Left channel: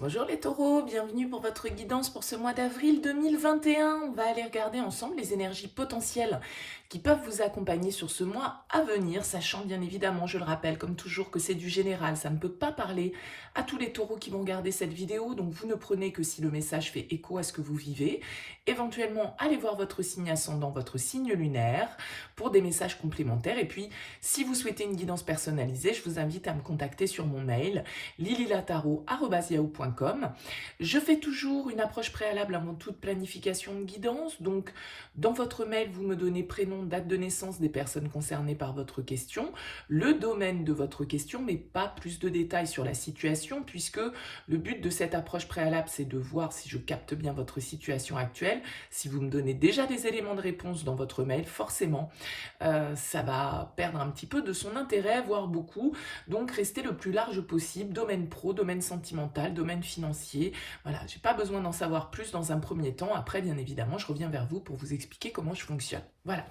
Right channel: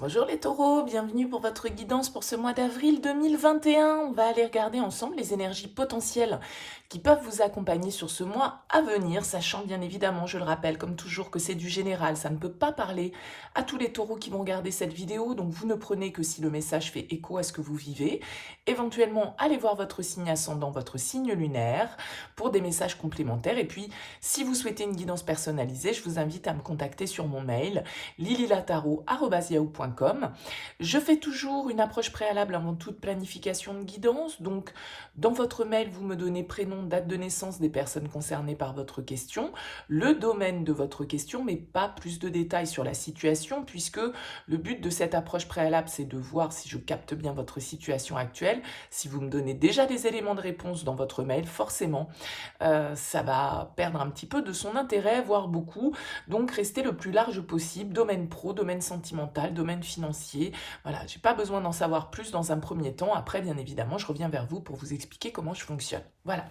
Bonjour les taureaux, bienvenue pour votre guidance pour ce mois d'avril 2021. On va aller regarder ensemble les énergies potentielles qui peuvent vous accompagner sur ce mois à venir, sachant bien évidemment, je le rappelle comme toujours, que c'est du général. Ça ne peut pas parler à tous les taureaux qui vont regarder cette vidéo, donc vous ne prenez que si le message fait écho à ce que vous vivez. Éventuellement, allez voir votre signe ascendant, votre signe lunaire, pour des messages complémentaires. Et puis, si vous souhaitez une guidance personnalisée, je vous invite à me contacter sur mon mail lililataro@yahoo.com. Je fais toujours une approche préalable avant toute planification de guidance. Donc, dans votre mail, vous me donnez prénom, date de naissance des personnes concernées par votre question, le domaine de votre question, mais pas plus de détails sur la situation, puisque le but de cette approche préalable, c'est de voir si je capte bien votre situation actuelle. Si vous me donnez déjà des éléments de réponse dans votre mail, forcément, ça va perdre un petit peu de son intérêt, voire beaucoup. Donc, restez le plus large possible, domaine pro, domaine sentimental, domaine financier. Voilà, j'ai pas besoin d'en savoir plus dans un premier temps. Après, bien évidemment, je reviens vers vous pour vous expliquer comment je fonctionne. Voilà.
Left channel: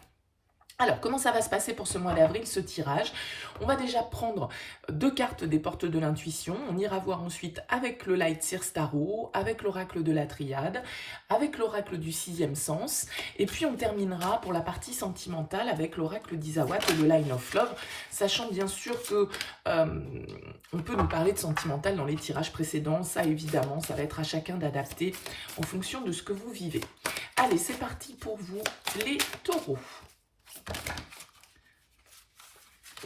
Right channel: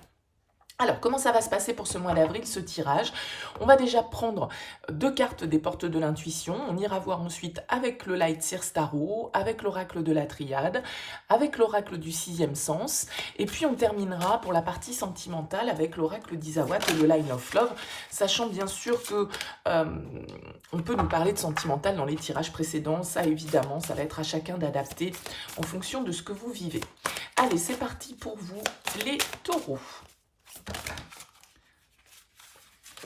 Alors, comment ça va se passer pour ce mois d'avril, ce tirage? On va déjà prendre deux cartes des portes de l'intuition. On ira voir ensuite avec le Light Seer Tarot, avec l'oracle de la Triade, avec l'oracle du sixième sens. Et puis, on terminera pour la partie sentimentale avec l'oracle d'Isawat et le Line of Love, sachant bien sûr que on peut nous parler de sentimental dans les tirages précédents. Ça, évidemment, ça va être à chacun d'adapter en fonction de ce que vous vivez. Allez, c'est parti pour vous, les taureaux.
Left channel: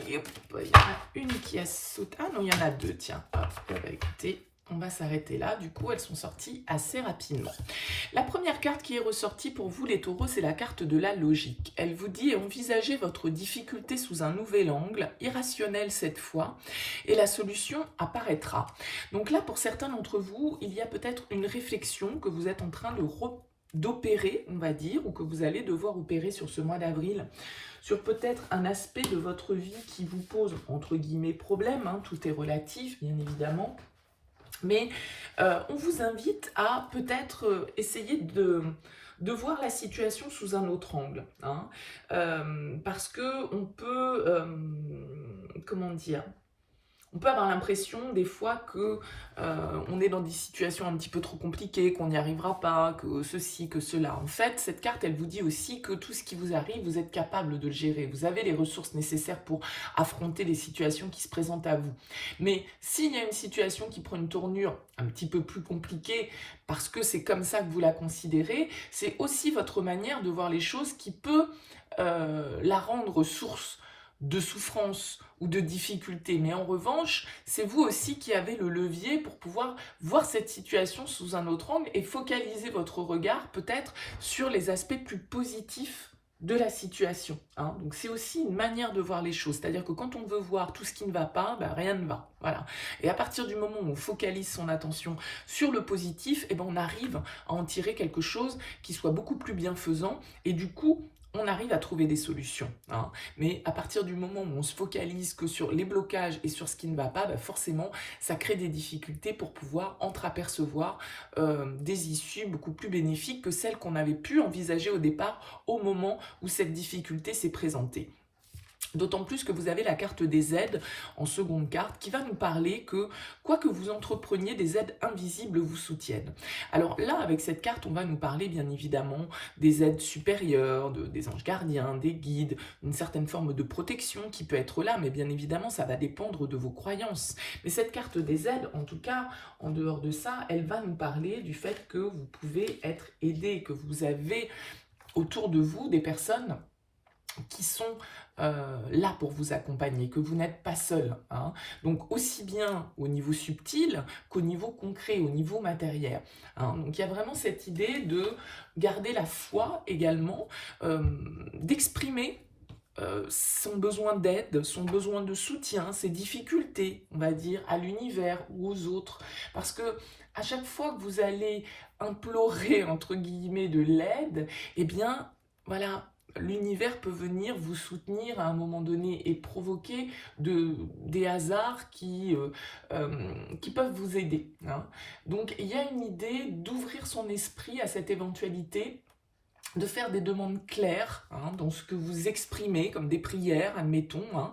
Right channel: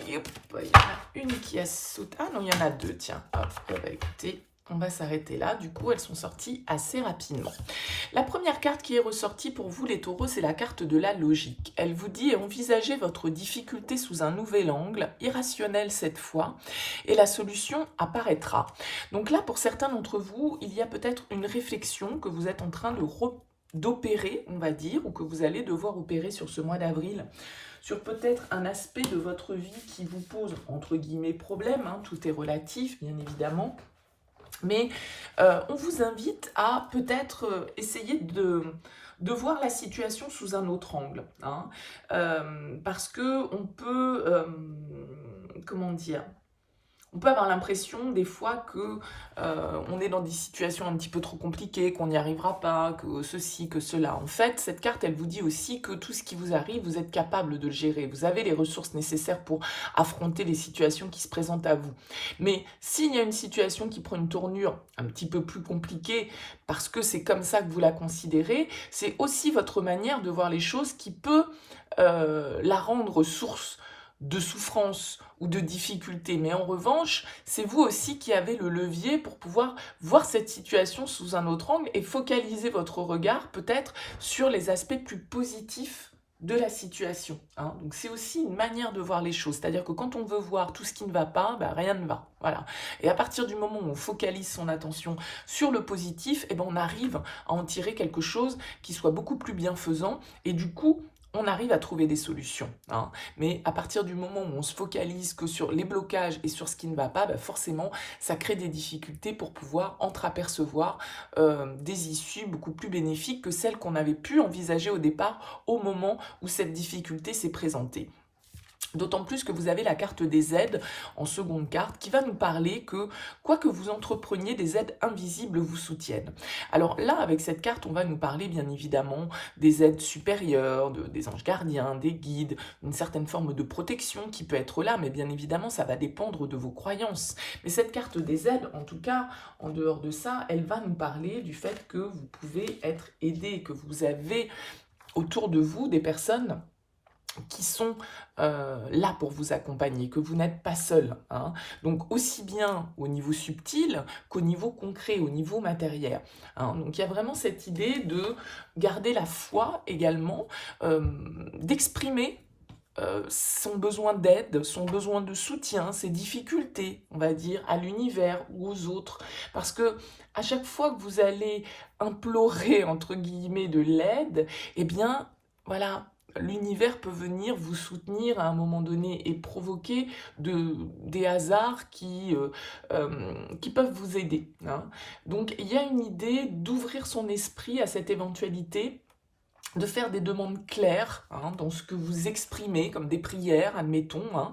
Et hop, il y en a une qui a sauté. Ah non, il y en a deux, tiens. Hop, bah, écoutez, on va s'arrêter là. Du coup, elles sont sorties assez rapidement. La première carte qui est ressortie pour vous, les taureaux, c'est la carte de la logique. Elle vous dit envisagez votre difficulté sous un nouvel angle, irrationnel cette fois, et la solution apparaîtra. Donc là, pour certains d'entre vous, il y a peut-être une réflexion que vous êtes en train d'opérer, on va dire, ou que vous allez devoir opérer sur ce mois d'avril, sur peut-être un aspect de votre vie qui vous pose, entre guillemets, problème, hein, tout est relatif, bien évidemment, mais on vous invite à peut-être essayer de voir la situation sous un autre angle, hein, parce que on peut, comment dire, on peut avoir l'impression des fois que on est dans des situations un petit peu trop compliquées, qu'on n'y arrivera pas, que ceci, que cela. En fait, cette carte, elle vous dit aussi que tout ce qui vous arrive, vous êtes capable de le gérer. Vous avez les ressources nécessaires pour affronter les situations qui se présentent à vous. Mais s'il y a une situation qui prend une tournure un petit peu plus compliquée, parce que c'est comme ça que vous la considérez, c'est aussi votre manière de voir les choses qui peut la rendre source de souffrance ou de difficulté. Mais en revanche, c'est vous aussi qui avez le levier pour pouvoir voir cette situation sous un autre angle et focaliser votre regard peut-être sur les aspects plus positifs de la situation, hein. Donc c'est aussi une manière de voir les choses, c'est-à-dire que quand on veut voir tout ce qui ne va pas, ben, rien ne va, voilà. Et à partir du moment où on focalise son attention sur le positif, eh ben, on arrive à en tirer quelque chose qui soit beaucoup plus bienfaisant et du coup, on arrive à trouver des solutions, hein. Mais à partir du moment où on se focalise que sur les blocages et sur ce qui ne va pas, bah forcément, ça crée des difficultés pour pouvoir entreapercevoir des issues beaucoup plus bénéfiques que celles qu'on avait pu envisager au départ au moment où cette difficulté s'est présentée. D'autant plus que vous avez la carte des aides en seconde carte qui va nous parler que quoi que vous entrepreniez, des aides invisibles vous soutiennent. Alors là, avec cette carte, on va nous parler bien évidemment des aides supérieures, des anges gardiens, des guides, une certaine forme de protection qui peut être là, mais bien évidemment, ça va dépendre de vos croyances. Mais cette carte des aides, en tout cas, en dehors de ça, elle va nous parler du fait que vous pouvez être aidé, que vous avez autour de vous des personnes qui sont là pour vous accompagner, que vous n'êtes pas seul, hein. Donc aussi bien au niveau subtil qu'au niveau concret, au niveau matériel, hein. Donc il y a vraiment cette idée de garder la foi également, d'exprimer son besoin d'aide, son besoin de soutien, ses difficultés, on va dire, à l'univers ou aux autres. Parce que à chaque fois que vous allez implorer, entre guillemets, de l'aide, eh bien, voilà, l'univers peut venir vous soutenir à un moment donné et provoquer des hasards qui peuvent vous aider, hein. Donc, il y a une idée d'ouvrir son esprit à cette éventualité de faire des demandes claires dans ce que vous exprimez, comme des prières, admettons,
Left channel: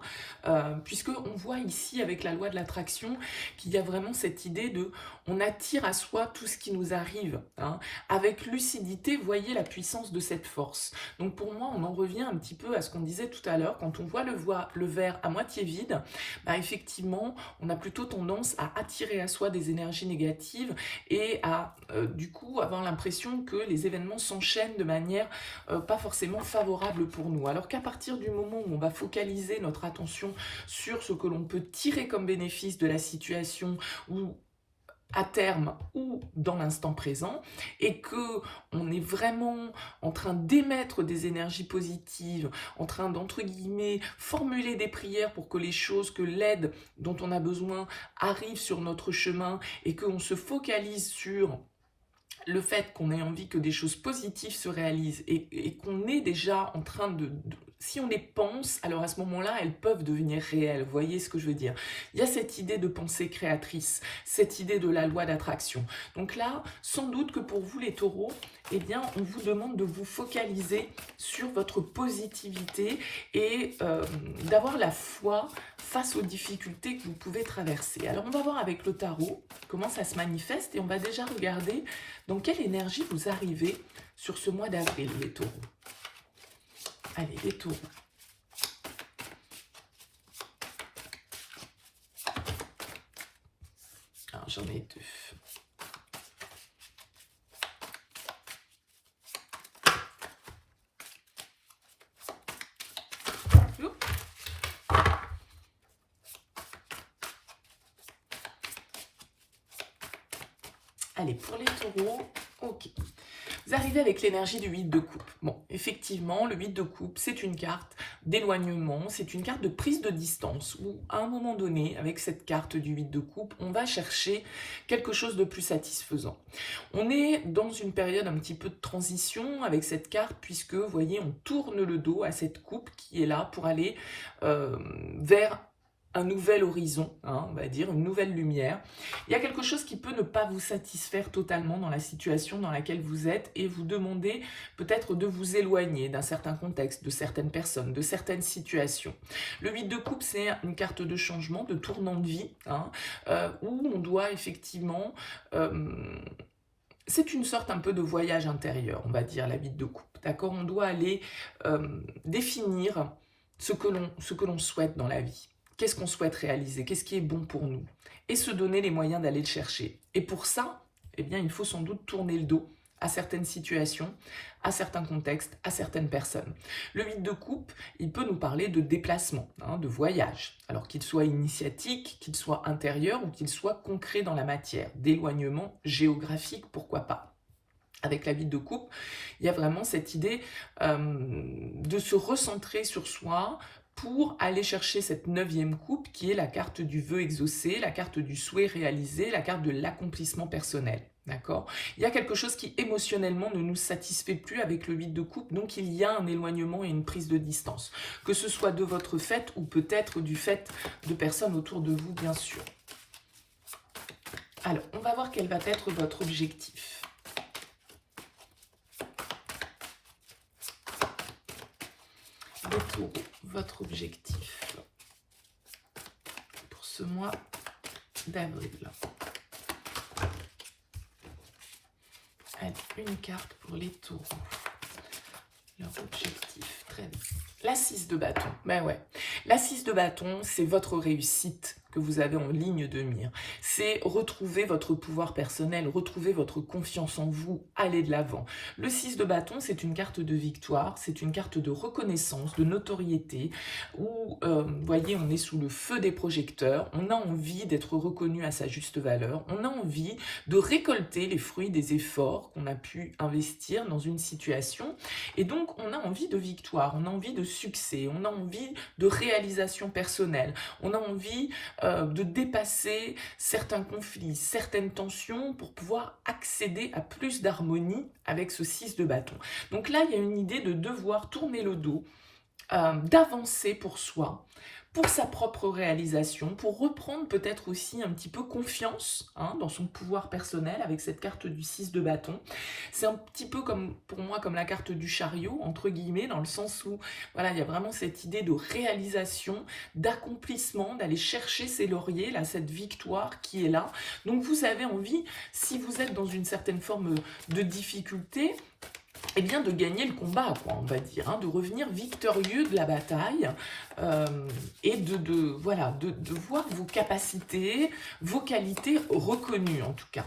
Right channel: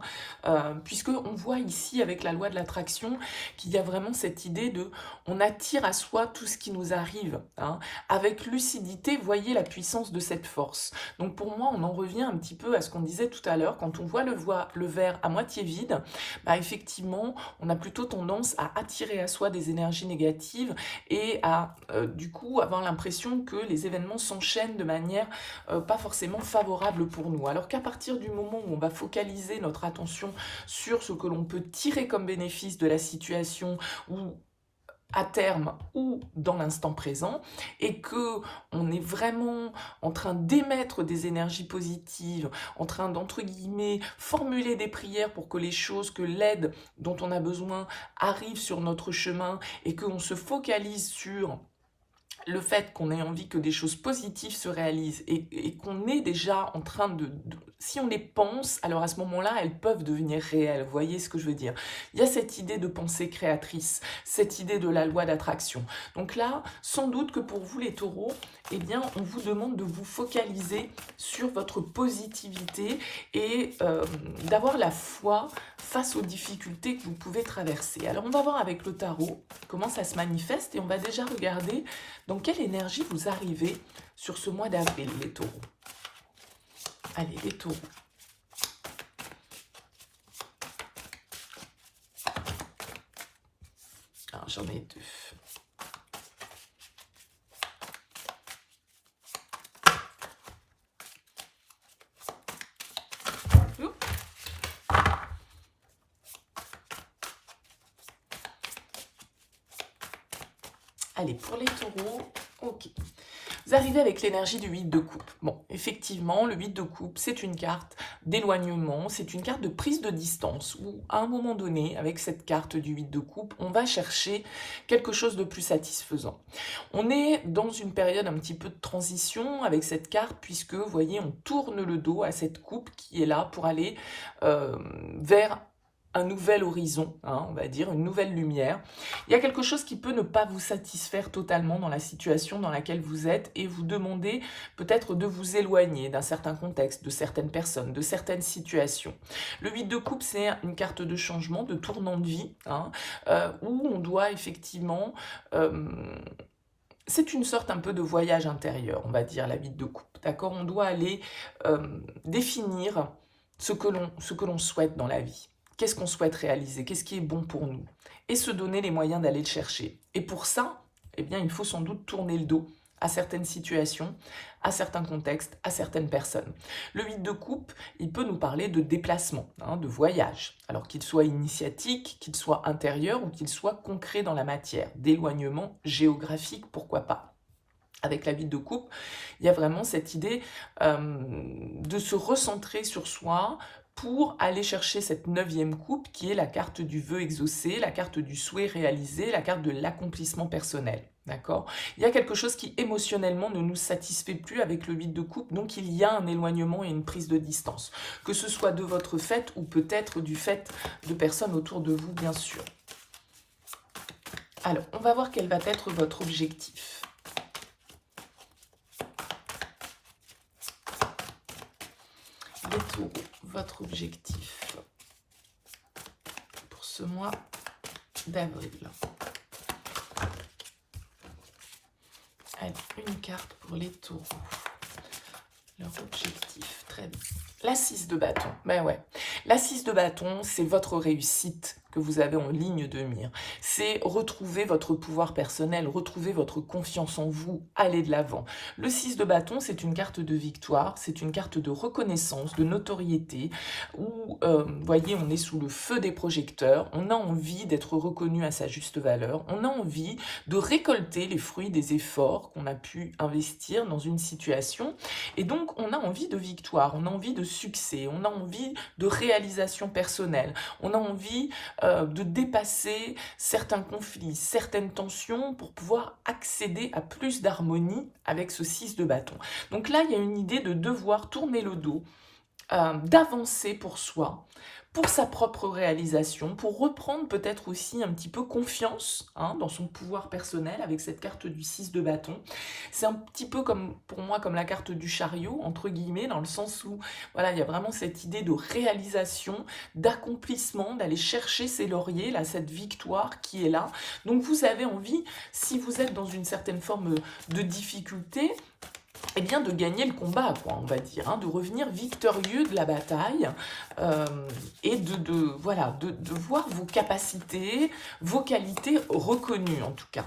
puisqu'on voit ici avec la loi de l'attraction qu'il y a vraiment cette idée de on attire à soi tout ce qui nous arrive. Avec lucidité, voyez la puissance de cette force. Donc pour moi, on en revient un petit peu à ce qu'on disait tout à l'heure, quand on voit le verre à moitié vide, effectivement, on a plutôt tendance à attirer à soi des énergies négatives et à du coup avoir l'impression que les événements s'enchaînent de manière pas forcément favorable pour nous. Alors qu'à partir du moment où on va focaliser notre attention sur ce que l'on peut tirer comme bénéfice de la situation ou à terme ou dans l'instant présent, et que on est vraiment en train d'émettre des énergies positives, en train d'entre guillemets formuler des prières pour que les choses, que l'aide dont on a besoin arrive sur notre chemin, et qu'on se focalise sur le fait qu'on ait envie que des choses positives se réalisent et qu'on est déjà en train si on les pense, alors à ce moment-là, elles peuvent devenir réelles. Vous voyez ce que je veux dire? Il y a cette idée de pensée créatrice, cette idée de la loi d'attraction. Donc là, sans doute que pour vous les taureaux, eh bien, on vous demande de vous focaliser sur votre positivité et d'avoir la foi face aux difficultés que vous pouvez traverser. Alors, on va voir avec le tarot comment ça se manifeste et on va déjà regarder dans quelle énergie vous arrivez sur ce mois d'avril, les taureaux. Allez, les taureaux. Alors, j'en ai deux. Allez, pour les taureaux, ok. Vous arrivez avec l'énergie du 8 de coupe. Bon, effectivement, le 8 de coupe, c'est une carte d'éloignement, c'est une carte de prise de distance, où à un moment donné, avec cette carte du 8 de coupe, on va chercher quelque chose de plus satisfaisant. On est dans une période un petit peu de transition avec cette carte, puisque, vous voyez, on tourne le dos à cette coupe qui est là pour aller vers un nouvel horizon, on va dire, une nouvelle lumière. Il y a quelque chose qui peut ne pas vous satisfaire totalement dans la situation dans laquelle vous êtes et vous demander peut-être de vous éloigner d'un certain contexte, de certaines personnes, de certaines situations. Le 8 de coupe, c'est une carte de changement, de tournant de vie, où on doit effectivement... c'est une sorte un peu de voyage intérieur, on va dire, la 8 de coupe, d'accord? On doit aller définir ce que l'on souhaite dans la vie. Qu'est-ce qu'on souhaite réaliser? Qu'est-ce qui est bon pour nous? Et se donner les moyens d'aller le chercher. Et pour ça, eh bien, il faut sans doute tourner le dos à certaines situations, à certains contextes, à certaines personnes. Le 8 de coupe, il peut nous parler de déplacement, de voyage, alors qu'il soit initiatique, qu'il soit intérieur ou qu'il soit concret dans la matière, d'éloignement géographique, pourquoi pas. Avec la 8 de coupe, il y a vraiment cette idée de se recentrer sur soi, pour aller chercher cette 9e coupe qui est la carte du vœu exaucé, la carte du souhait réalisé, la carte de l'accomplissement personnel. D'accord? Il y a quelque chose qui émotionnellement ne nous satisfait plus avec le 8 de coupe, donc il y a un éloignement et une prise de distance. Que ce soit de votre fait ou peut-être du fait de personnes autour de vous, bien sûr. Alors, on va voir quel va être votre objectif. Les taureaux, votre objectif pour ce mois d'avril. Allez, une carte pour les taureaux. Leur objectif, très bien. La 6 de bâton, ben ouais. La 6 de bâton, c'est votre réussite que vous avez en ligne de mire. C'est retrouver votre pouvoir personnel, retrouver votre confiance en vous, aller de l'avant. Le 6 de bâton, c'est une carte de victoire, c'est une carte de reconnaissance, de notoriété, où, vous voyez, on est sous le feu des projecteurs, on a envie d'être reconnu à sa juste valeur, on a envie de récolter les fruits des efforts qu'on a pu investir dans une situation, et donc on a envie de victoire, on a envie de succès, on a envie de réalisation personnelle, on a envie de dépasser certains conflits, certaines tensions pour pouvoir accéder à plus d'harmonie avec ce 6 de bâton. Donc là, il y a une idée de devoir tourner le dos, d'avancer pour soi, pour sa propre réalisation, pour reprendre peut-être aussi un petit peu confiance dans son pouvoir personnel avec cette carte du 6 de bâton. C'est un petit peu comme, pour moi, comme la carte du chariot, entre guillemets, dans le sens où, voilà, il y a vraiment cette idée de réalisation, d'accomplissement, d'aller chercher ses lauriers, là, cette victoire qui est là. Donc vous avez envie, si vous êtes dans une certaine forme de difficulté, eh bien de gagner le combat, quoi, on va dire, de revenir victorieux de la bataille et voilà, de voir vos capacités, vos qualités reconnues en tout cas.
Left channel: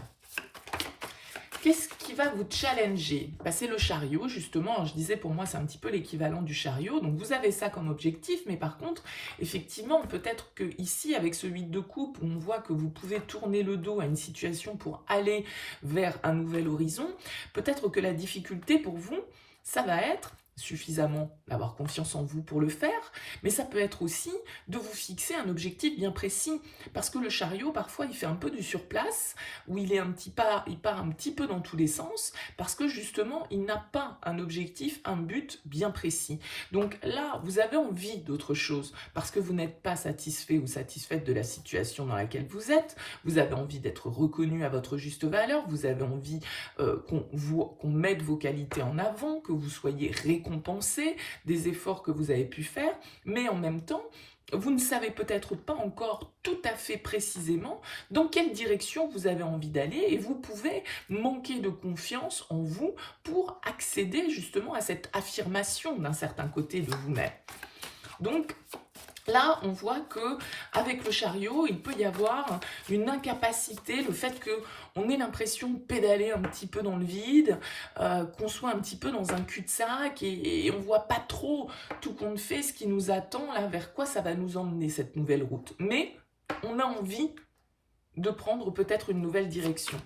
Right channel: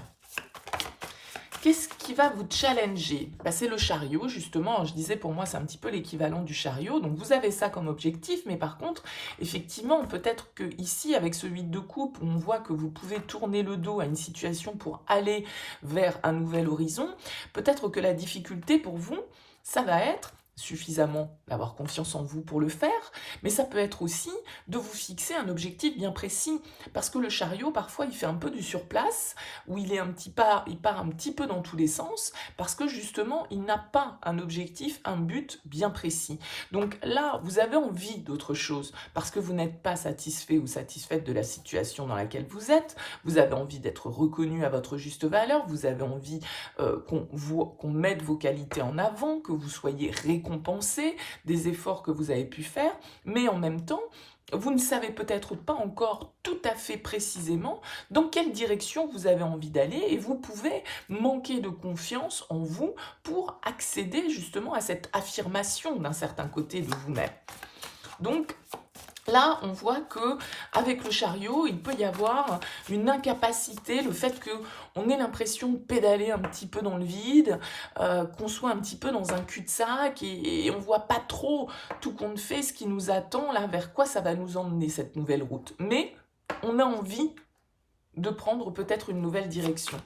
Qu'est-ce qui va vous challenger? C'est le chariot, justement. Je disais, pour moi, c'est un petit peu l'équivalent du chariot. Donc, vous avez ça comme objectif. Mais par contre, effectivement, peut-être que ici, avec ce 8 de coupe, on voit que vous pouvez tourner le dos à une situation pour aller vers un nouvel horizon. Peut-être que la difficulté pour vous, ça va être suffisamment d'avoir confiance en vous pour le faire, mais ça peut être aussi de vous fixer un objectif bien précis, parce que le chariot, parfois, il fait un peu du surplace, où il part un petit peu dans tous les sens, parce que justement, il n'a pas un objectif, un but bien précis. Donc là, vous avez envie d'autre chose, parce que vous n'êtes pas satisfait ou satisfaite de la situation dans laquelle vous êtes, vous avez envie d'être reconnu à votre juste valeur, vous avez envie qu'on mette vos qualités en avant, que vous soyez récompensé des efforts que vous avez pu faire, mais en même temps, vous ne savez peut-être pas encore tout à fait précisément dans quelle direction vous avez envie d'aller et vous pouvez manquer de confiance en vous pour accéder justement à cette affirmation d'un certain côté de vous-même. Donc, là, on voit que avec le chariot, il peut y avoir une incapacité, le fait qu'on ait l'impression de pédaler un petit peu dans le vide, qu'on soit un petit peu dans un cul-de-sac et on ne voit pas trop tout compte fait ce qui nous attend, là, vers quoi ça va nous emmener cette nouvelle route. Mais on a envie de prendre peut-être une nouvelle direction.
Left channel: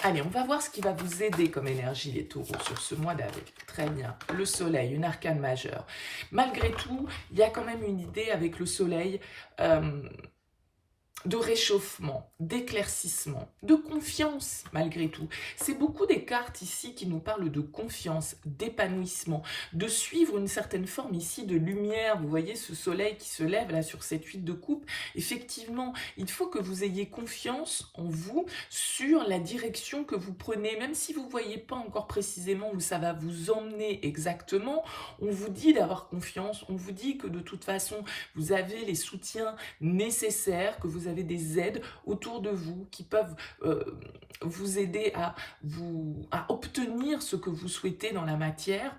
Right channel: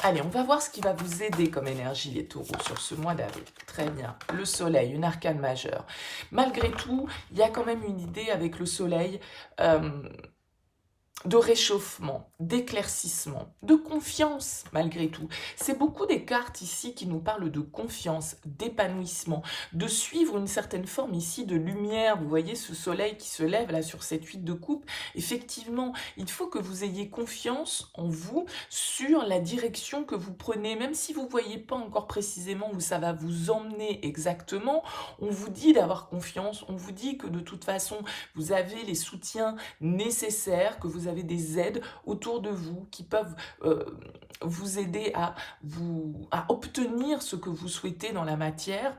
Allez, on va voir ce qui va vous aider comme énergie, les taureaux, sur ce mois d'avril. Très bien. Le soleil, une arcane majeure. Malgré tout, il y a quand même une idée avec le soleil de réchauffement, d'éclaircissement, de confiance malgré tout. C'est beaucoup des cartes ici qui nous parlent de confiance, d'épanouissement, de suivre une certaine forme ici de lumière. Vous voyez ce soleil qui se lève là sur cette 8 de coupe. Effectivement, il faut que vous ayez confiance en vous sur la direction que vous prenez. Même si vous ne voyez pas encore précisément où ça va vous emmener exactement, on vous dit d'avoir confiance, on vous dit que de toute façon, vous avez les soutiens nécessaires, que vous avez des aides autour de vous qui peuvent vous aider à obtenir ce que vous souhaitez dans la matière.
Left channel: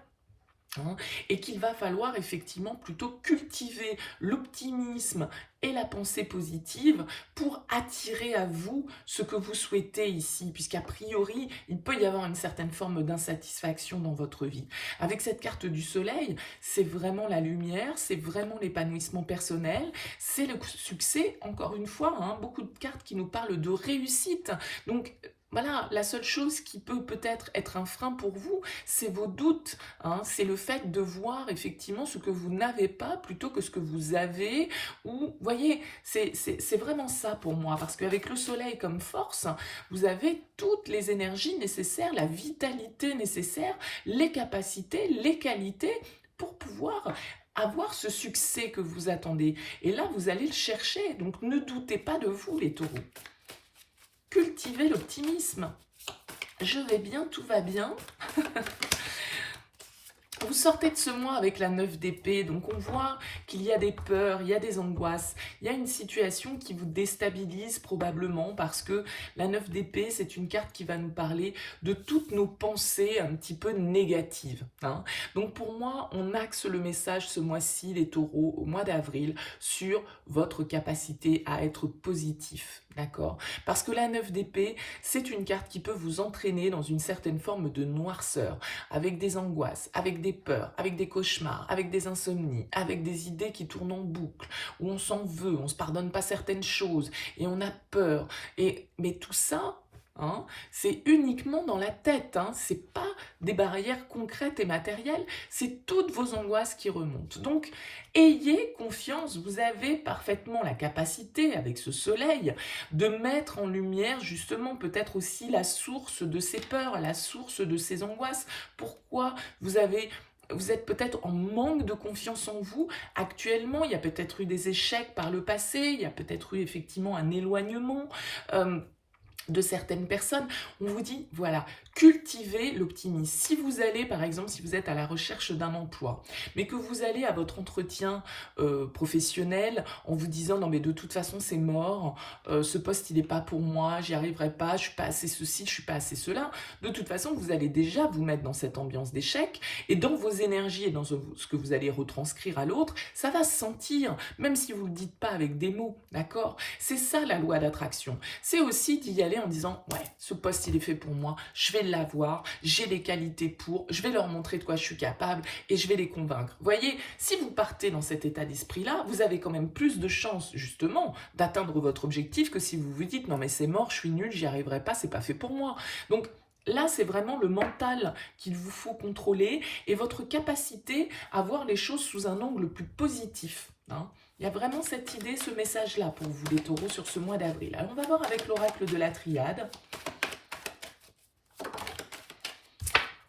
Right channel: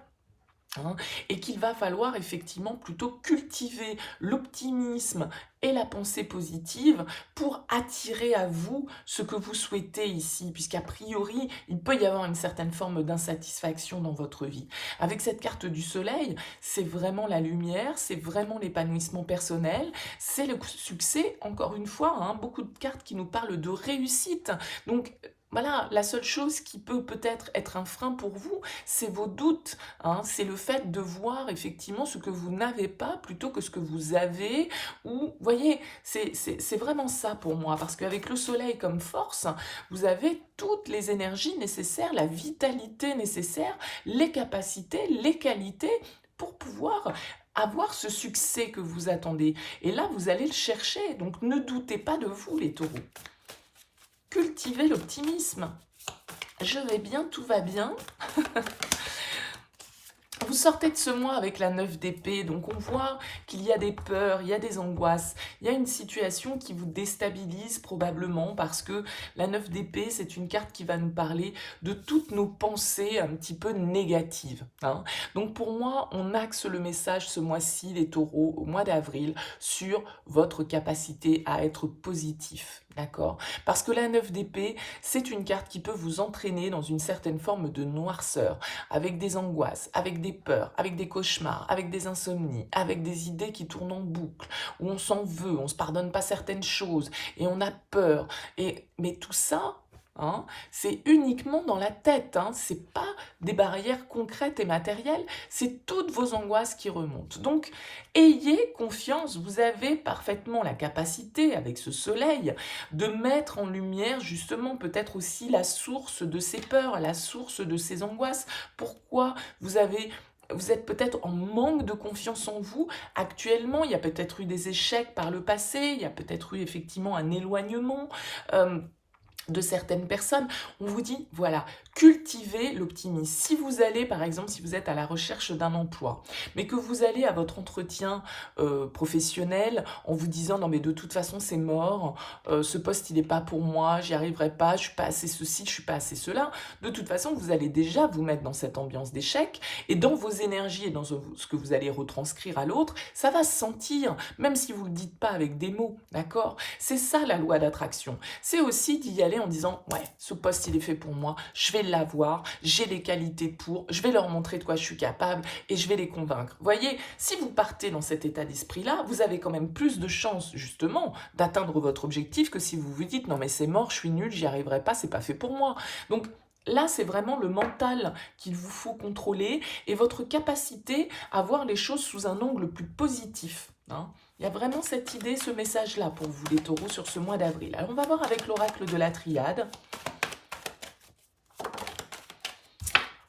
Et qu'il va falloir effectivement plutôt cultiver l'optimisme et la pensée positive pour attirer à vous ce que vous souhaitez ici, puisqu'a priori, il peut y avoir une certaine forme d'insatisfaction dans votre vie. Avec cette carte du soleil, c'est vraiment la lumière, c'est vraiment l'épanouissement personnel, c'est le succès, encore une fois, beaucoup de cartes qui nous parlent de réussite. Donc, voilà, la seule chose qui peut peut-être être un frein pour vous, c'est vos doutes. C'est le fait de voir effectivement ce que vous n'avez pas plutôt que ce que vous avez. Ou, vous voyez, c'est vraiment ça pour moi. Parce qu'avec le soleil comme force, vous avez toutes les énergies nécessaires, la vitalité nécessaire, les capacités, les qualités pour pouvoir avoir ce succès que vous attendez. Et là, vous allez le chercher. Donc, ne doutez pas de vous, les taureaux. Cultivez l'optimisme. Je vais bien, tout va bien. Vous sortez de ce mois avec la 9 d'épée, donc on voit qu'il y a des peurs, il y a des angoisses, il y a une situation qui vous déstabilise probablement parce que la 9 d'épée, c'est une carte qui va nous parler de toutes nos pensées un petit peu négatives. Donc pour moi, on axe le message ce mois-ci, les taureaux, au mois d'avril, sur votre capacité à être positif. D'accord? Parce que la 9 d'épée, c'est une carte qui peut vous entraîner dans une certaine forme de noirceur, avec des angoisses, avec des peurs, avec des cauchemars, avec des insomnies, avec des idées qui tournent en boucle, où on s'en veut, on ne se pardonne pas certaines choses, et on a peur. Mais tout ça, c'est uniquement dans la tête, c'est pas des barrières concrètes et matérielles, c'est toutes vos angoisses qui remontent. Donc, ayez confiance, vous avez parfaitement la capacité, avec ce soleil, de mettre en lumière justement peut-être aussi la source de ces peurs, la source de ces angoisses. Pourquoi vous avez vous êtes peut-être en manque de confiance en vous actuellement. Il y a peut-être eu des échecs par le passé, il y a peut-être eu effectivement un éloignement de certaines personnes. On vous dit, voilà, cultivez l'optimisme. Si vous allez, par exemple, si vous êtes à la recherche d'un emploi, mais que vous allez à votre entretien professionnel en vous disant, non mais de toute façon c'est mort, ce poste il n'est pas pour moi, j'y arriverai pas, je suis pas assez ceci, je suis pas assez cela, de toute façon vous allez déjà vous mettre dans cette ambiance d'échec, et dans vos énergies et dans ce que vous allez retranscrire à l'autre, ça va se sentir, même si vous ne le dites pas avec des mots, d'accord? C'est ça la loi d'attraction. C'est aussi d'y aller en disant, ouais, ce poste il est fait pour moi, je vais l'avoir, j'ai les qualités pour, je vais leur montrer de quoi je suis capable et je vais les convaincre. Vous voyez, si vous partez dans cet état d'esprit-là, vous avez quand même plus de chances justement d'atteindre votre objectif que si vous vous dites, non mais c'est mort, je suis nul, j'y arriverai pas, c'est pas fait pour moi. Donc, là, c'est vraiment le mental qu'il vous faut contrôler et votre capacité à voir les choses sous un angle plus positif, hein. Il y a vraiment cette idée, ce message-là pour vous les taureaux sur ce mois d'avril. Alors on va voir avec l'oracle de la triade.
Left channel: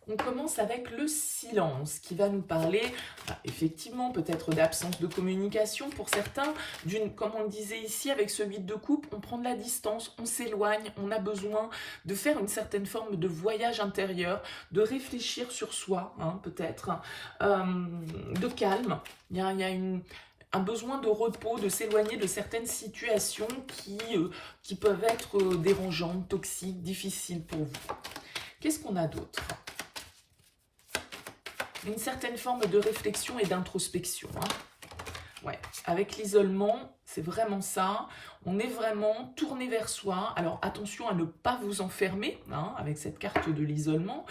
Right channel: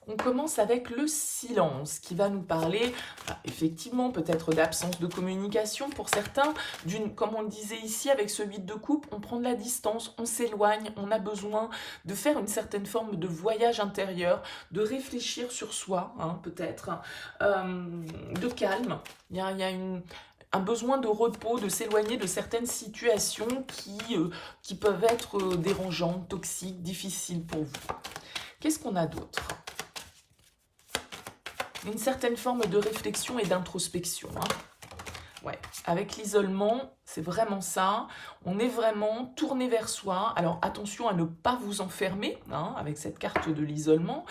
On commence avec le silence qui va nous parler, effectivement, peut-être d'absence de communication pour certains, comme on le disait ici avec ce 8 de coupe, on prend de la distance, on s'éloigne, on a besoin de faire une certaine forme de voyage intérieur, de réfléchir sur soi, hein, peut-être, de calme. Il y a un besoin de repos, de s'éloigner de certaines situations qui peuvent être dérangeantes, toxiques, difficiles pour vous. Qu'est-ce qu'on a d'autre ? Une certaine forme de réflexion et d'introspection. Hein. Ouais. Avec l'isolement, c'est vraiment ça. On est vraiment tourné vers soi. Alors attention à ne pas vous enfermer, hein, avec cette carte de l'isolement.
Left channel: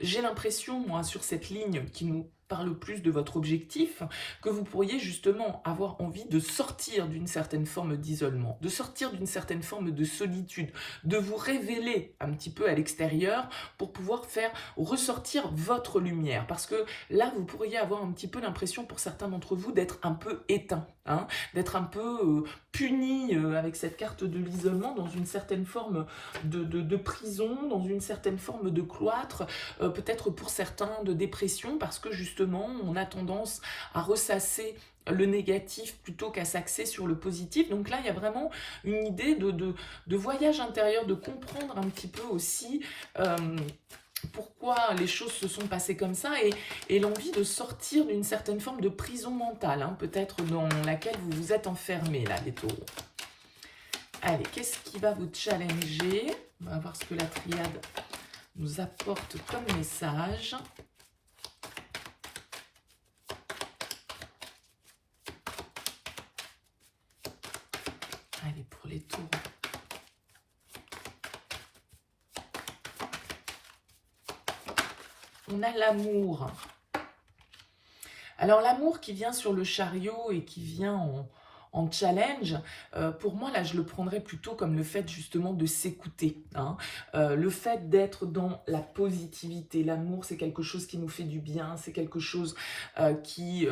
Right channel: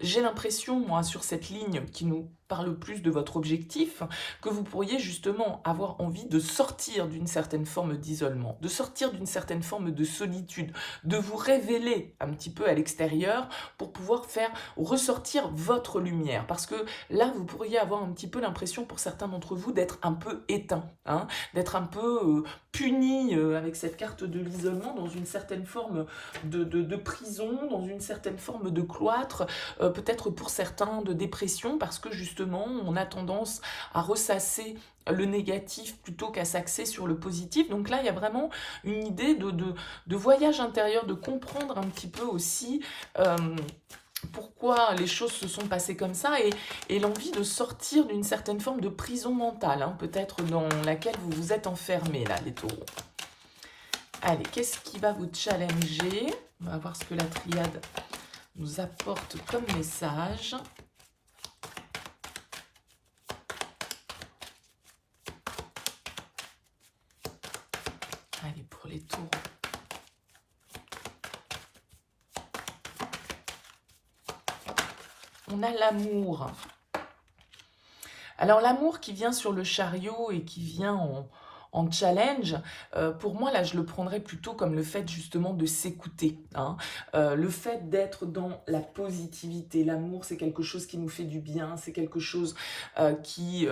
J'ai l'impression, moi, sur cette ligne qui nous parle plus de votre objectif, que vous pourriez justement avoir envie de sortir d'une certaine forme d'isolement, de sortir d'une certaine forme de solitude, de vous révéler un petit peu à l'extérieur pour pouvoir faire ressortir votre lumière. Parce que là, vous pourriez avoir un petit peu l'impression pour certains d'entre vous d'être un peu éteint, hein, d'être un peu puni avec cette carte de l'isolement dans une certaine forme de prison, dans une certaine forme de cloître, peut-être pour certains de dépression, parce que justement, on a tendance à ressasser le négatif plutôt qu'à s'axer sur le positif. Donc là, il y a vraiment une idée de voyage intérieur, de comprendre un petit peu aussi pourquoi les choses se sont passées comme ça et l'envie de sortir d'une certaine forme de prison mentale, hein, peut-être dans laquelle vous vous êtes enfermés, là, les taureaux. Allez, qu'est-ce qui va vous challenger? On va voir ce que la triade nous apporte comme message. Allez, pour les taureaux. On a l'amour. Alors l'amour qui vient sur le chariot et qui vient en challenge, pour moi là je le prendrais plutôt comme le fait justement de s'écouter, hein. Le fait d'être dans la positivité. L'amour c'est quelque chose qui nous fait du bien, c'est quelque chose qui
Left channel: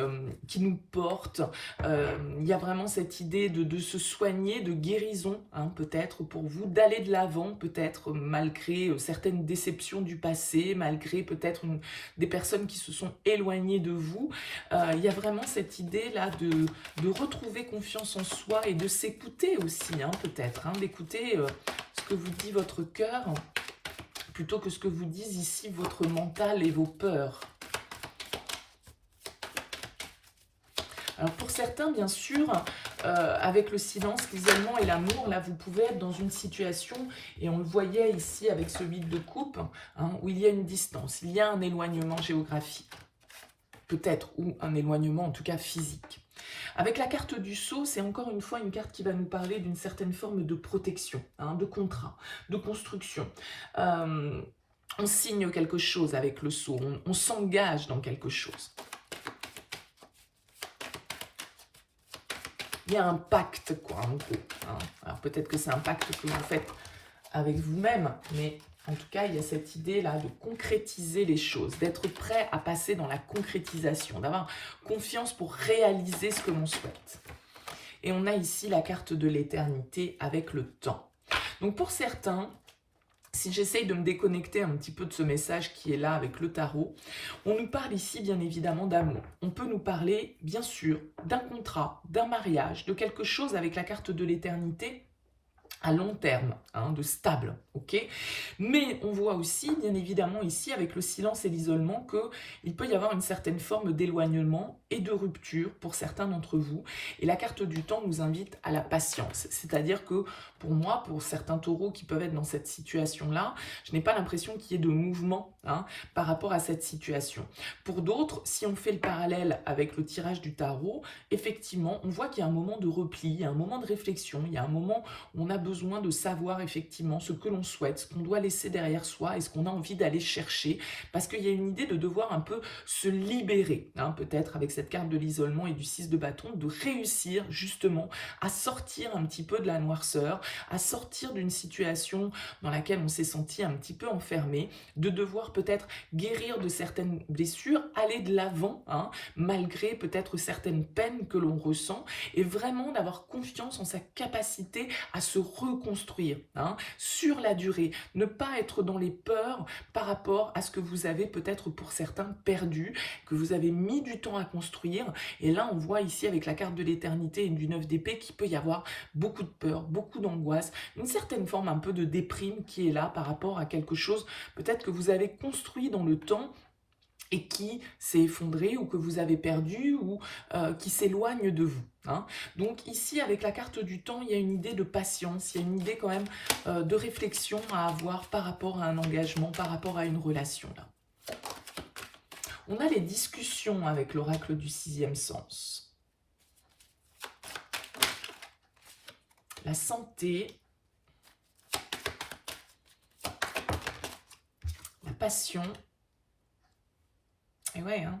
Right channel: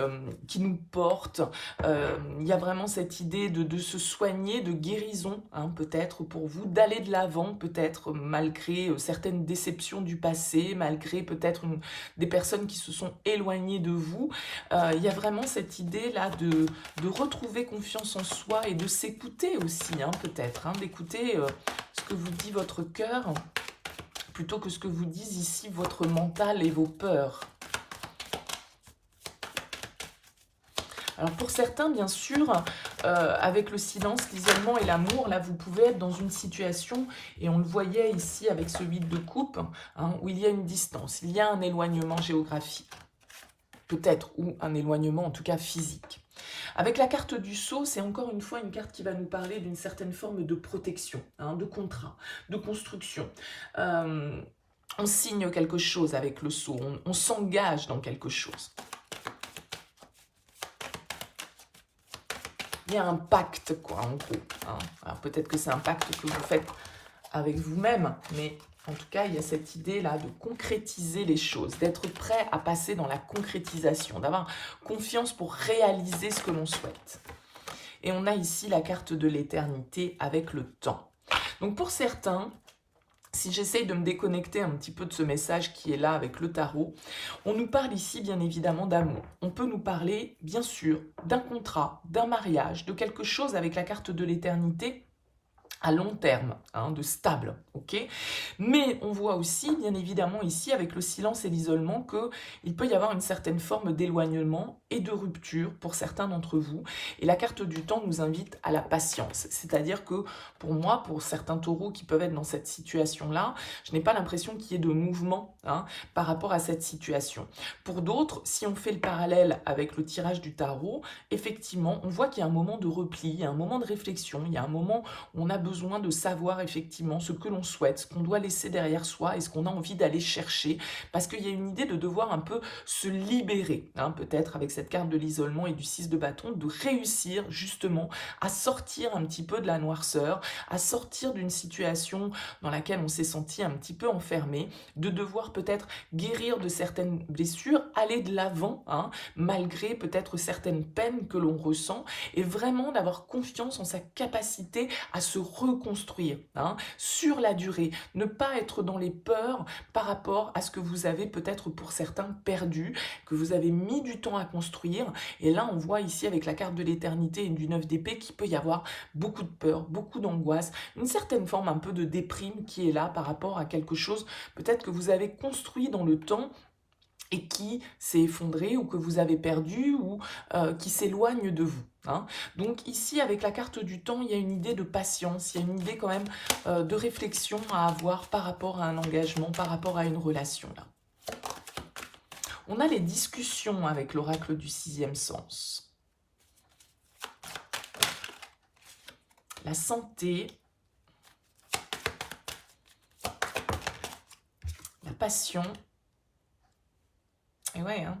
nous porte. Il y a vraiment cette idée de se soigner, de guérison, hein, peut-être pour vous, d'aller de l'avant peut-être malgré certaines déceptions du passé, malgré peut-être des personnes qui se sont éloignées de vous. Il y a vraiment cette idée là de retrouver confiance en soi et de s'écouter aussi, hein, peut-être, hein, d'écouter ce que vous dit votre cœur plutôt que ce que vous disent ici votre mental et vos peurs. Alors pour certains, bien sûr, avec le silence, l'isolement et l'amour, là vous pouvez être dans une situation, et on le voyait ici avec ce 8 de coupe, hein, où il y a une distance, il y a un éloignement géographique, peut-être, ou un éloignement en tout cas physique. Avec la carte du sceau, c'est encore une fois une carte qui va nous parler d'une certaine forme de protection, hein, de contrat, de construction. On signe quelque chose avec le sceau, on s'engage dans quelque chose. Il y a un pacte, quoi, en gros. Hein. Alors peut-être que c'est un pacte que vous faites avec vous-même, mais en tout cas, il y a cette idée-là de concrétiser les choses, d'être prêt à passer dans la concrétisation, d'avoir confiance pour réaliser ce que l'on souhaite. Et on a ici la carte de l'éternité avec le temps. Donc pour certains, Si j'essaye de me déconnecter un petit peu de ce message qui est là avec le tarot, on nous parle ici bien évidemment d'amour. On peut nous parler bien sûr d'un contrat, d'un mariage, de quelque chose avec la carte de l'éternité à long terme, hein, de stable, ok. Mais on voit aussi, bien évidemment, ici, avec le silence et l'isolement, qu'il peut y avoir une certaine forme d'éloignement et de rupture pour certains d'entre vous. Et la carte du temps nous invite à la patience. C'est-à-dire que, pour moi, pour certains taureaux qui peuvent être dans cette situation-là, je n'ai pas l'impression qu'il y ait de mouvement, hein, par rapport à cette situation. Pour d'autres, si on fait le parallèle avec le tirage du tarot, effectivement, on voit qu'il y a un moment de repli, il y a un moment de réflexion, il y a un moment où on a besoin de savoir effectivement ce que l'on souhaite, ce qu'on doit laisser derrière soi et ce qu'on a envie d'aller chercher, parce qu'il y a une idée de devoir un peu se libérer, hein, peut-être avec cette carte de l'isolement et du 6 de bâton, de réussir justement à sortir un petit peu de la noirceur, à sortir d'une situation dans laquelle on s'est senti un petit peu enfermé, de devoir peut-être guérir de certaines blessures, aller de l'avant, hein, malgré peut-être certaines peines que l'on ressent, et vraiment d'avoir confiance en sa capacité à se reconstruire, hein, sur la durée, ne pas être dans les peurs par rapport à ce que vous avez peut-être pour certains perdu, que vous avez mis du temps à construire, et là on voit ici avec la carte de l'éternité et du 9 d'épée qu'il peut y avoir beaucoup de peur, beaucoup d'angoisse, une certaine forme un peu de déprime qui est là par rapport à quelque chose peut-être que vous avez construit dans le temps et qui s'est effondré ou que vous avez perdu ou qui s'éloigne de vous, hein. Donc ici, avec la carte du temps, il y a une idée de patience, il y a une idée quand même de réflexion à avoir par rapport à un engagement, par rapport à une relation. Là. On a les discussions avec l'oracle du 6e sens. La santé, la passion. Et ouais, hein.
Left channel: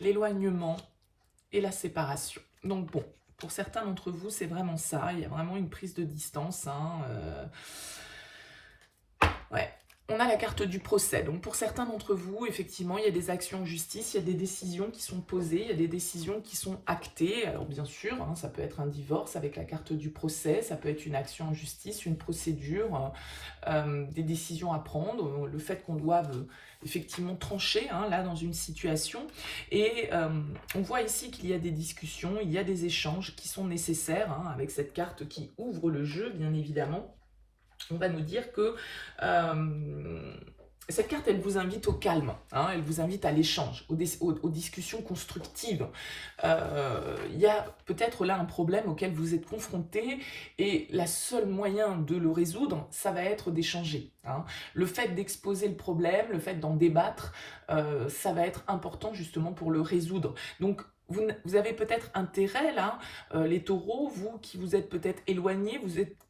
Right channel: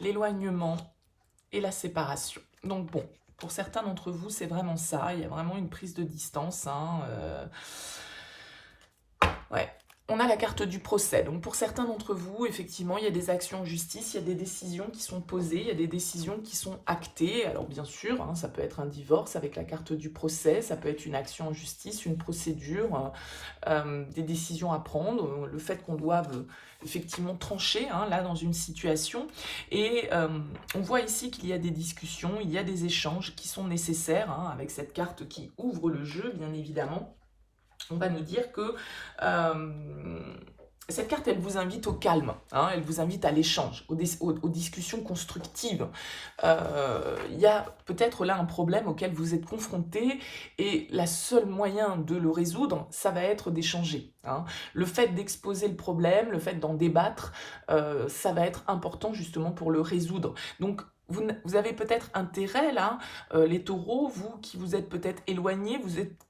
L'éloignement et la séparation. Donc bon, pour certains d'entre vous, c'est vraiment ça. Il y a vraiment une prise de distance. Hein, ouais. On a la carte du procès. Donc pour certains d'entre vous, effectivement, il y a des actions en justice, il y a des décisions qui sont posées, il y a des décisions qui sont actées. Alors bien sûr, hein, ça peut être un divorce avec la carte du procès, ça peut être une action en justice, une procédure, des décisions à prendre, le fait qu'on doive effectivement trancher, hein, là dans une situation. Et on voit ici qu'il y a des discussions, il y a des échanges qui sont nécessaires, hein, avec cette carte qui ouvre le jeu, bien évidemment. On va nous dire que cette carte, elle vous invite au calme, hein, elle vous invite à l'échange, aux discussions constructives. Il y a peut-être là un problème auquel vous êtes confronté et le seul moyen de le résoudre, ça va être d'échanger. Hein. Le fait d'exposer le problème, le fait d'en débattre, ça va être important justement pour le résoudre. Donc, vous avez peut-être intérêt là, les taureaux, vous qui vous êtes peut-être éloignés,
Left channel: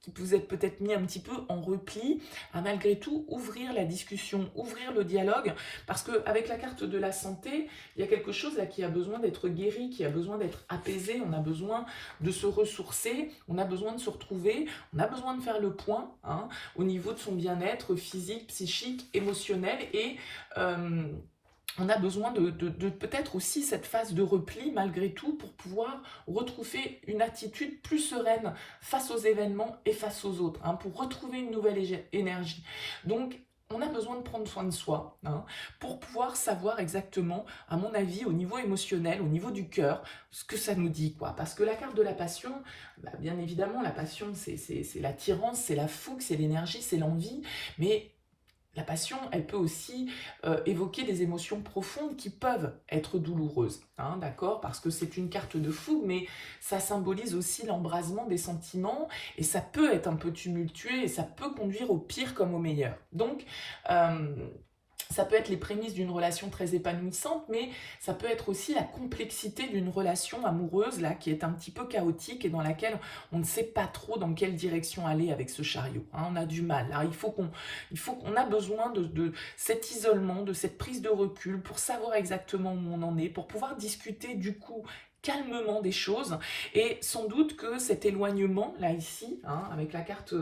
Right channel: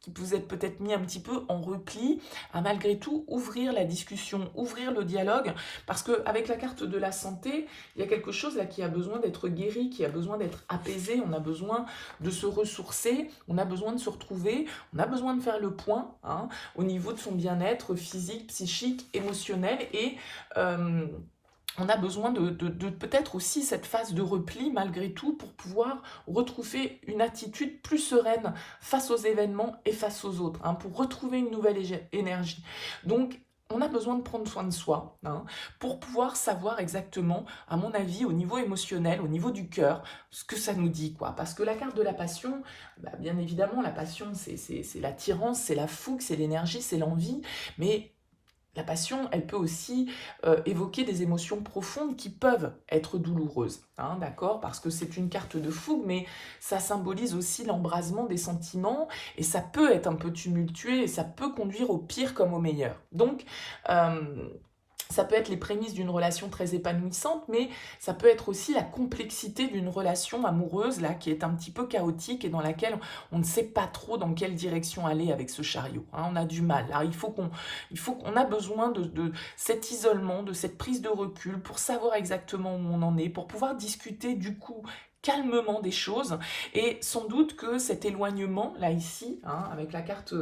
qui vous êtes peut-être mis un petit peu en repli, à malgré tout ouvrir la discussion, ouvrir le dialogue, parce qu'avec la carte de la santé, il y a quelque chose là qui a besoin d'être guéri, qui a besoin d'être apaisé, on a besoin de se ressourcer, on a besoin de se retrouver, on a besoin de faire le point, hein, au niveau de son bien-être physique, psychique, émotionnel, et on a besoin de peut-être aussi cette phase de repli malgré tout pour pouvoir retrouver une attitude plus sereine face aux événements et face aux autres, hein, pour retrouver une nouvelle énergie. Donc, on a besoin de prendre soin de soi, hein, pour pouvoir savoir exactement, à mon avis, au niveau émotionnel, au niveau du cœur, ce que ça nous dit, quoi. Parce que la carte de la passion, bah, bien évidemment, la passion, c'est l'attirance, c'est la fougue, c'est l'énergie, c'est l'envie, mais la passion, elle peut aussi évoquer des émotions profondes qui peuvent être douloureuses, hein, d'accord? Parce que c'est une carte de fougue, mais ça symbolise aussi l'embrasement des sentiments, et ça peut être un peu tumultueux, et ça peut conduire au pire comme au meilleur. Donc, ça peut être les prémices d'une relation très épanouissante, mais ça peut être aussi la complexité d'une relation amoureuse là, qui est un petit peu chaotique et dans laquelle on ne sait pas trop dans quelle direction aller avec ce chariot. Hein, on a du mal. Alors, on a besoin de cet isolement, de cette prise de recul pour savoir exactement où on en est, pour pouvoir discuter du coup calmement des choses, et sans doute que cet éloignement, là ici, hein, avec la carte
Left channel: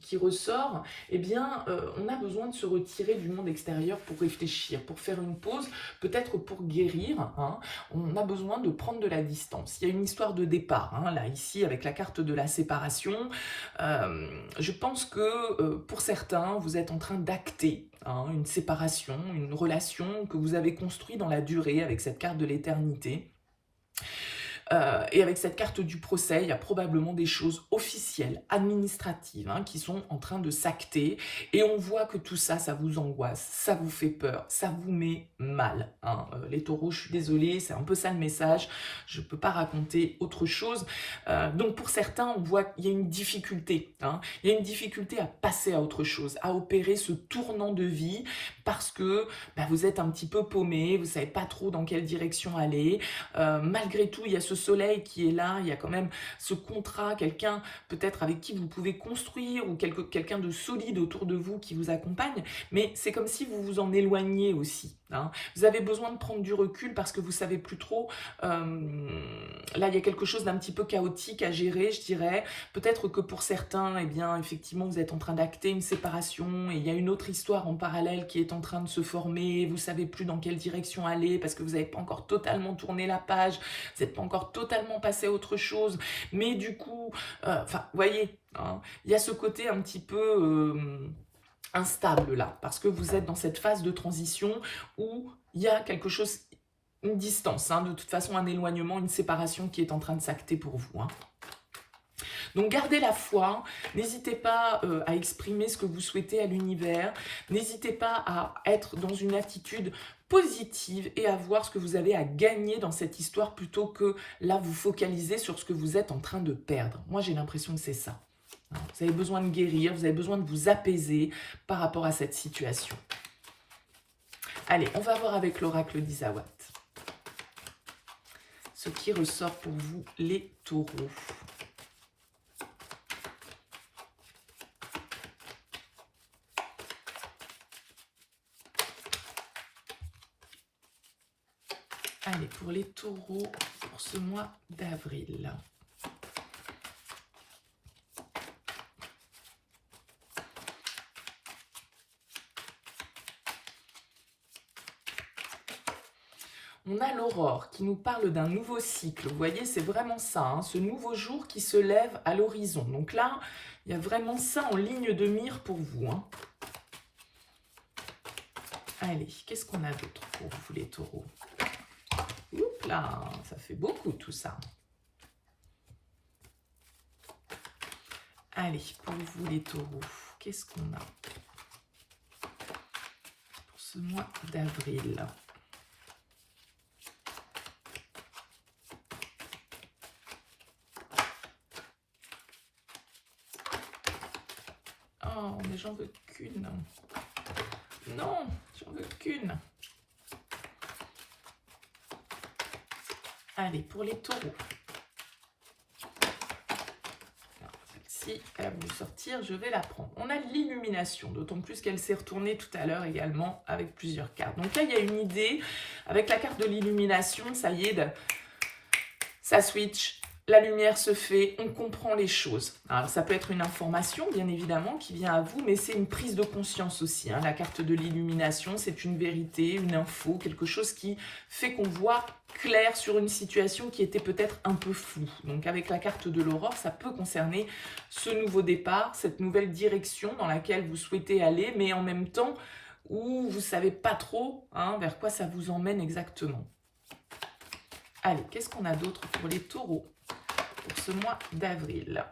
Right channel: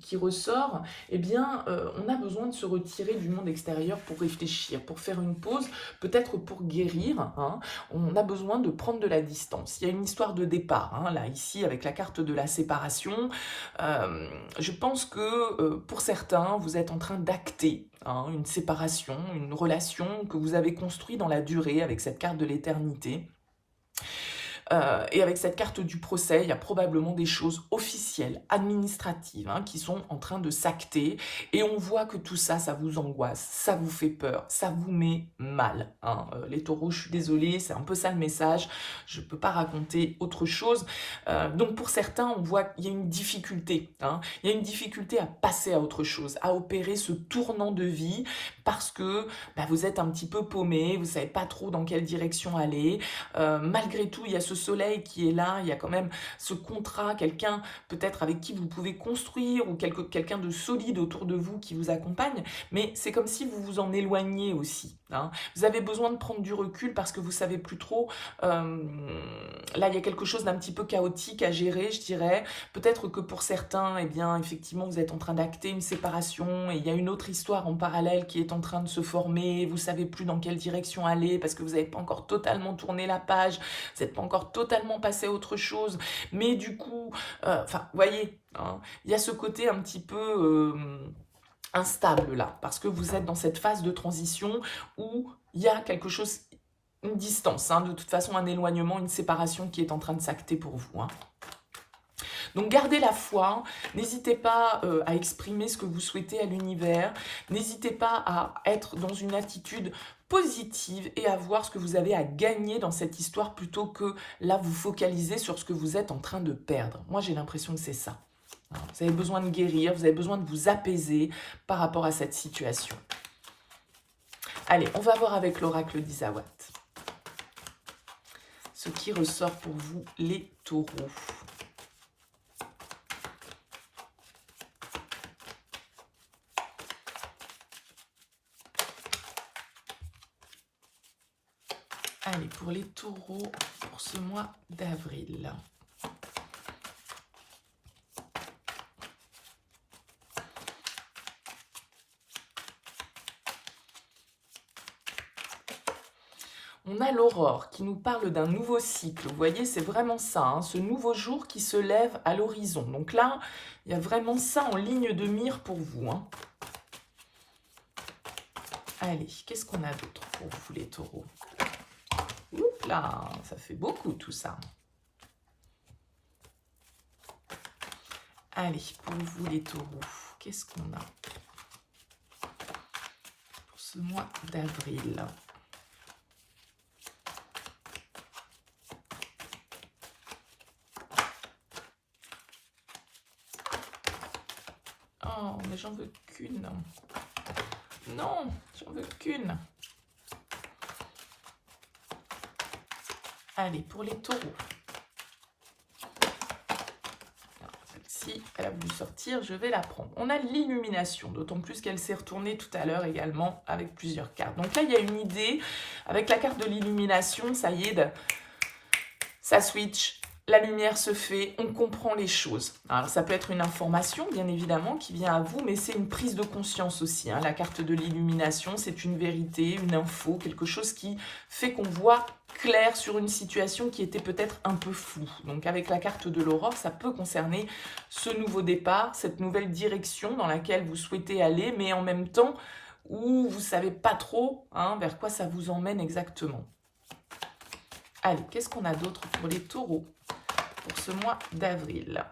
qui ressort, eh bien, on a besoin de se retirer du monde extérieur pour réfléchir, pour faire une pause, peut-être pour guérir, hein, on a besoin de prendre de la distance. Il y a une histoire de départ, hein, là ici, avec la carte de la séparation. Je pense que pour certains, vous êtes en train d'acter, hein, une séparation, une relation que vous avez construite dans la durée avec cette carte de l'éternité. Et avec cette carte du procès, il y a probablement des choses officielles, administratives, hein, qui sont en train de s'acter. Et on voit que tout ça, ça vous angoisse, ça vous fait peur, ça vous met mal, hein. Les taureaux, je suis désolée, c'est un peu ça le message. Je ne peux pas raconter autre chose. Donc pour certains, on voit qu'il y a une difficulté, hein. Il y a une difficulté à passer à autre chose, à opérer ce tournant de vie parce que vous êtes un petit peu paumé, vous ne savez pas trop dans quelle direction aller. Malgré tout, il y a ce soleil qui est là, il y a quand même ce contrat, quelqu'un peut-être avec qui vous pouvez construire ou quelqu'un de solide autour de vous qui vous accompagne, mais c'est comme si vous vous en éloigniez aussi, hein. Vous avez besoin de prendre du recul parce que vous savez plus trop, là il y a quelque chose d'un petit peu chaotique à gérer, je dirais. Peut-être que pour certains, eh bien effectivement vous êtes en train d'acter une séparation et il y a une autre histoire en parallèle qui est en train de se former, vous savez plus dans quelle direction aller parce que vous n'avez pas encore totalement tourné la page, vous n'êtes pas encore totalement passé à autre chose, mais du coup, vous voyez, hein, il y a ce côté un petit peu instable là, parce que vous êtes dans cette phase de transition où il y a quelque chose, une distance, hein, de toute façon un éloignement, une séparation qui est en train de s'acter pour vous, hein. Donc gardez la foi, n'hésitez pas à exprimer ce que vous souhaitez à l'univers, n'hésitez pas à être dans une attitude positive et à voir ce que vous avez à gagner dans cette histoire plutôt que là vous focaliser sur ce que vous êtes en train de perdre. Moi j'ai l'impression que c'est ça. Vous avez besoin de guérir, vous avez besoin de vous apaiser par rapport à cette situation. Allez, on va voir avec l'oracle d'Isawat ce qui ressort pour vous les taureaux. Allez, pour les taureaux, pour ce mois d'avril. On a l'aurore qui nous parle d'un nouveau cycle. Vous voyez, c'est vraiment ça, hein, ce nouveau jour qui se lève à l'horizon. Donc là, il y a vraiment ça en ligne de mire pour vous, hein. Allez, qu'est-ce qu'on a d'autre pour vous les taureaux? Oups là, ça fait beaucoup tout ça. Allez, pour vous les taureaux, qu'est-ce qu'on a pour ce mois d'avril? Oh, mais j'en veux qu'une. Non, j'en veux qu'une. Allez, pour les taureaux. Celle-ci, elle a voulu sortir, je vais la prendre. On a l'illumination, d'autant plus qu'elle s'est retournée tout à l'heure également avec plusieurs cartes. Donc là, il y a une idée. Avec la carte de l'illumination, ça y est, ça switch. La lumière se fait, on comprend les choses. Alors ça peut être une information, bien évidemment, qui vient à vous, mais c'est une prise de conscience aussi, hein. La carte de l'illumination, c'est une vérité, une info, quelque chose qui fait qu'on voit clair sur une situation qui était peut-être un peu floue. Donc avec la carte de l'aurore, ça peut concerner ce nouveau départ, cette nouvelle direction dans laquelle vous souhaitez aller, mais en même temps où vous ne savez pas trop, hein, vers quoi ça vous emmène exactement. Allez, qu'est-ce qu'on a d'autre pour les taureaux pour ce mois d'avril?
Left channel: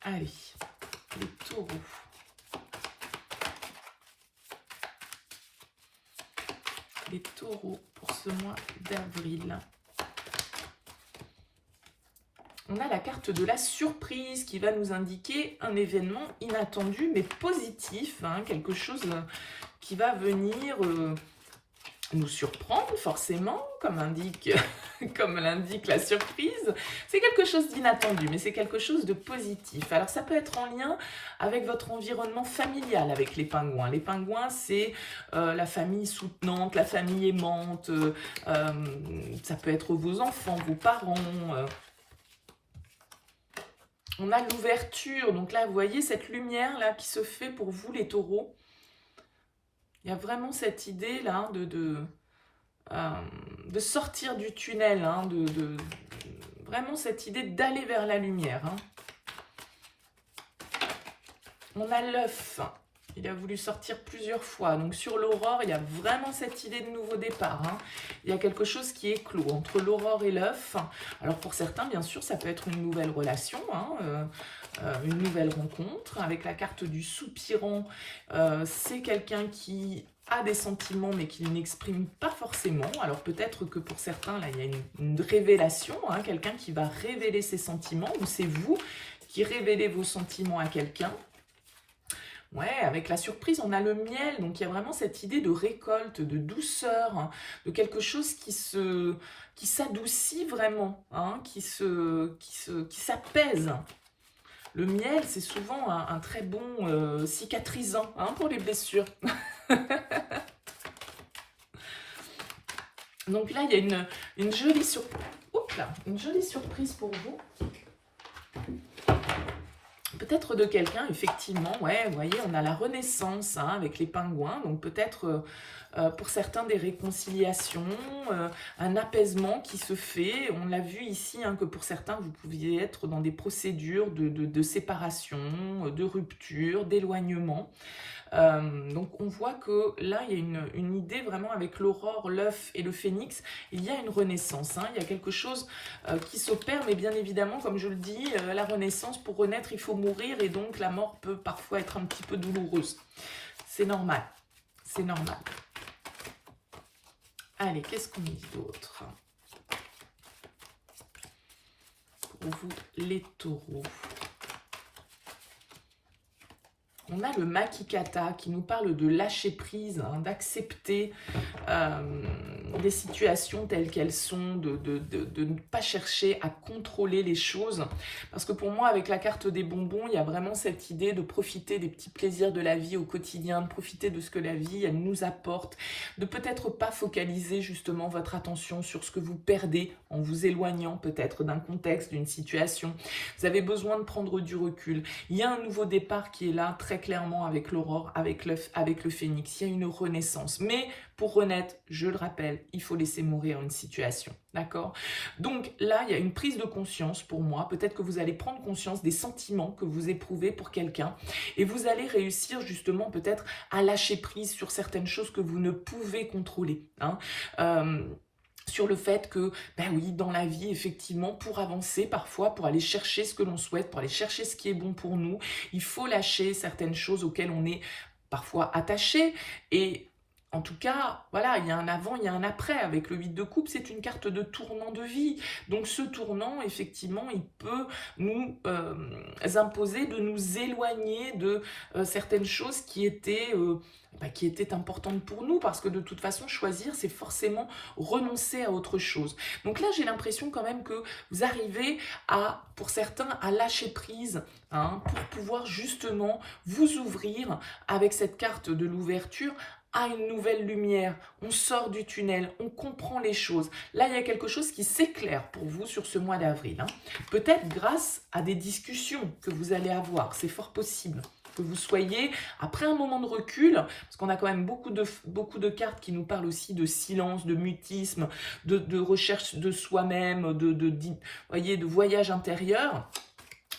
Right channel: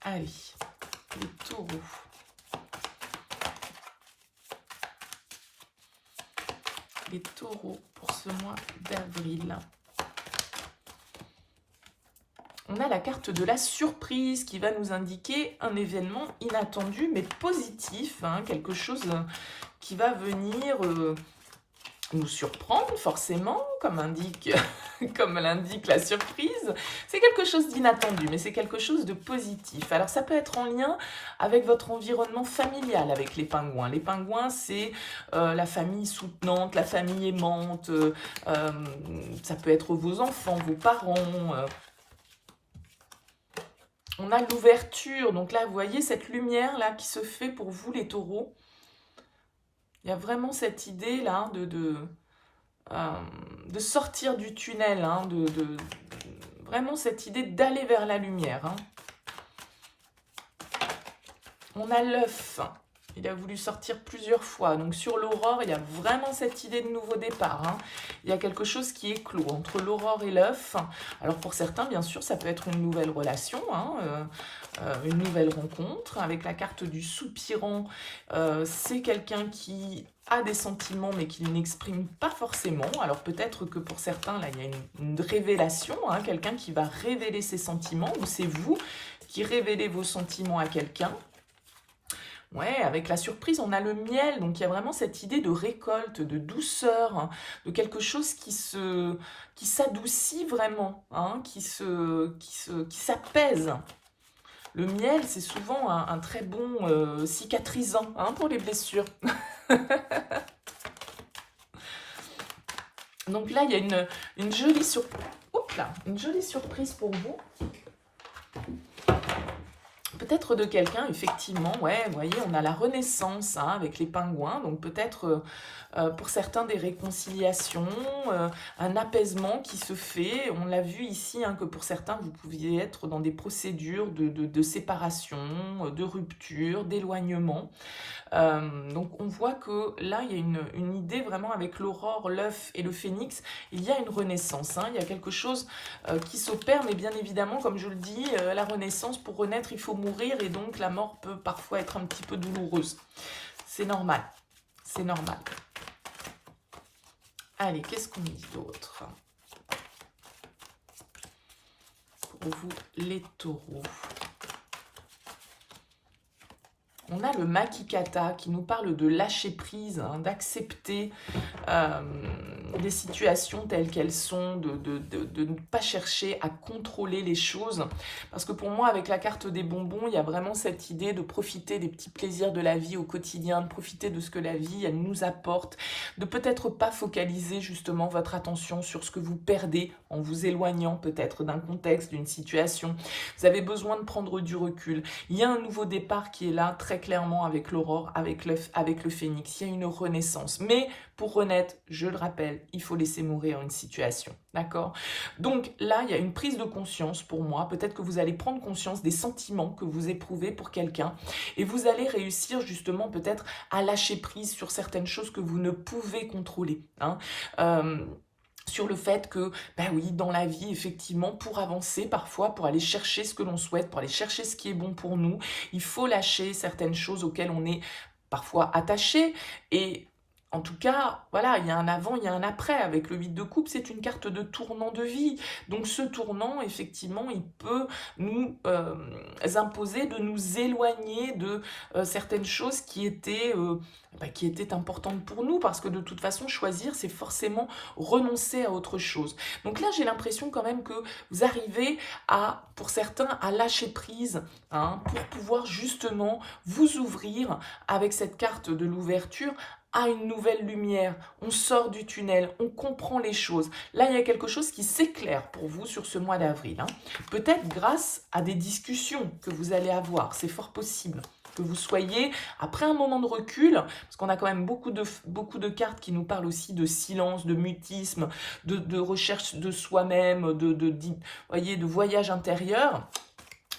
Allez, les taureaux. Les taureaux pour ce mois d'avril. On a la carte de la surprise qui va nous indiquer un événement inattendu mais positif, hein, quelque chose qui va venir nous surprendre, forcément, comme l'indique la surprise. C'est quelque chose d'inattendu, mais c'est quelque chose de positif. Alors, ça peut être en lien avec votre environnement familial, avec les pingouins. Les pingouins, c'est la famille soutenante, la famille aimante. Ça peut être vos enfants, vos parents. On a l'ouverture. Donc là, vous voyez cette lumière là qui se fait pour vous, les taureaux. Il y a vraiment cette idée là de sortir du tunnel, hein, vraiment cette idée d'aller vers la lumière. Hein. On a l'œuf, il a voulu sortir plusieurs fois. Donc sur l'aurore, il y a vraiment cette idée de nouveau départ. Hein. Il y a quelque chose qui est clos entre l'aurore et l'œuf. Alors pour certains, bien sûr, ça peut être une nouvelle relation, hein, une nouvelle rencontre. Avec la carte du soupirant, c'est quelqu'un qui a des sentiments mais qui n'exprime pas forcément. Alors peut-être que pour certains, là, il y a une révélation, hein, quelqu'un qui va révéler ses sentiments, ou c'est vous qui révélez vos sentiments à quelqu'un. Ouais, avec la surprise, on a le miel, donc il y a vraiment cette idée de récolte, de douceur, hein, de quelque chose qui s'adoucit vraiment, hein, qui s'apaise. Le miel, c'est souvent un très bon cicatrisant, hein, pour les blessures. Donc là, il y a une jolie surprise. Oups là, une jolie surprise pour vous. Peut-être de quelqu'un, effectivement, ouais, vous voyez, on a la renaissance, hein, avec les pingouins, donc peut-être pour certains des réconciliations, un apaisement qui se fait. On l'a vu ici, hein, que pour certains, vous pouviez être dans des procédures de séparation, de rupture, d'éloignement. Donc on voit que là, il y a une idée vraiment avec l'aurore, l'œuf et le phénix, il y a une renaissance, hein, il y a quelque chose qui s'opère, mais bien évidemment, comme je le dis, la renaissance, pour renaître, il faut mourir, et donc la mort peut parfois être un petit peu douloureuse. C'est normal, c'est normal. Allez, qu'est-ce qu'on dit d'autre pour vous, les taureaux? On a le Makikata qui nous parle de lâcher prise, hein, d'accepter des situations telles qu'elles sont, de ne pas chercher à contrôler les choses. Parce que pour moi, avec la carte des bonbons, il y a vraiment cette idée de profiter des petits plaisirs de la vie au quotidien, de profiter de ce que la vie elle nous apporte, de peut-être pas focaliser justement votre attention sur ce que vous perdez en vous éloignant peut-être d'un contexte, d'une situation. Vous avez besoin de prendre du recul. Il y a un nouveau départ qui est là, très clairement, avec l'aurore, avec l'œuf, avec le phénix. Il y a une renaissance. Mais pour renaître, je le rappelle, il faut laisser mourir une situation. D'accord? Donc là, il y a une prise de conscience pour moi. Peut-être que vous allez prendre conscience des sentiments que vous éprouvez pour quelqu'un. Et vous allez réussir justement peut-être à lâcher prise sur certaines choses que vous ne pouvez contrôler. Hein. Sur le fait que, ben oui, dans la vie, effectivement, pour avancer, parfois, pour aller chercher ce que l'on souhaite, pour aller chercher ce qui est bon pour nous, il faut lâcher certaines choses auxquelles on est parfois attaché. Et en tout cas, voilà, il y a un avant, il y a un après. Avec le 8 de coupe, c'est une carte de tournant de vie. Donc ce tournant, effectivement, il peut nous imposer de nous éloigner de certaines choses qui étaient importantes pour nous, parce que de toute façon, choisir, c'est forcément renoncer à autre chose. Donc là, j'ai l'impression quand même que vous arrivez à, pour certains, à lâcher prise, hein, pour pouvoir justement vous ouvrir avec cette carte de l'ouverture à une nouvelle lumière. On sort du tunnel, on comprend les choses. Là, il y a quelque chose qui s'éclaire pour vous sur ce mois d'avril. Hein. Peut-être grâce à des discussions que vous allez avoir, c'est fort possible que vous soyez, après un moment de recul, parce qu'on a quand même beaucoup de cartes qui nous parlent aussi de silence, de mutisme, de recherche de soi-même, de voyage intérieur.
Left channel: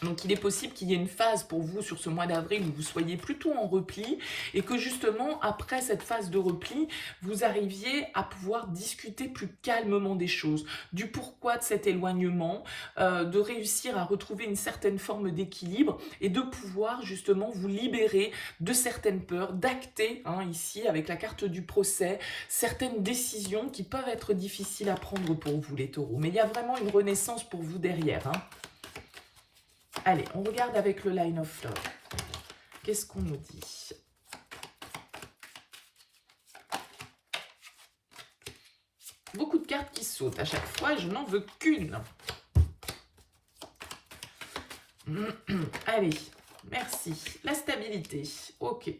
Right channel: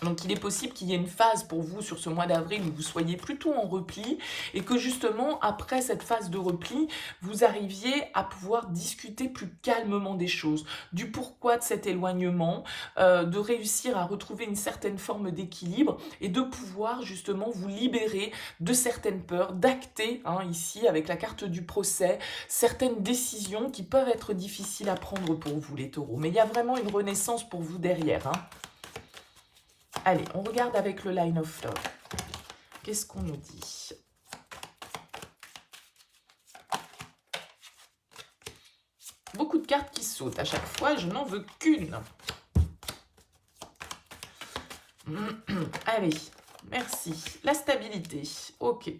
Donc il est possible qu'il y ait une phase pour vous sur ce mois d'avril où vous soyez plutôt en repli, et que justement après cette phase de repli, vous arriviez à pouvoir discuter plus calmement des choses, du pourquoi de cet éloignement, de réussir à retrouver une certaine forme d'équilibre et de pouvoir justement vous libérer de certaines peurs, d'acter, hein, ici avec la carte du procès, certaines décisions qui peuvent être difficiles à prendre pour vous les taureaux. Mais il y a vraiment une renaissance pour vous derrière, hein. Allez, on regarde avec le Line of Love. Qu'est-ce qu'on nous dit? Beaucoup de cartes qui sautent à chaque fois, je n'en veux qu'une. Allez, merci. La stabilité, ok.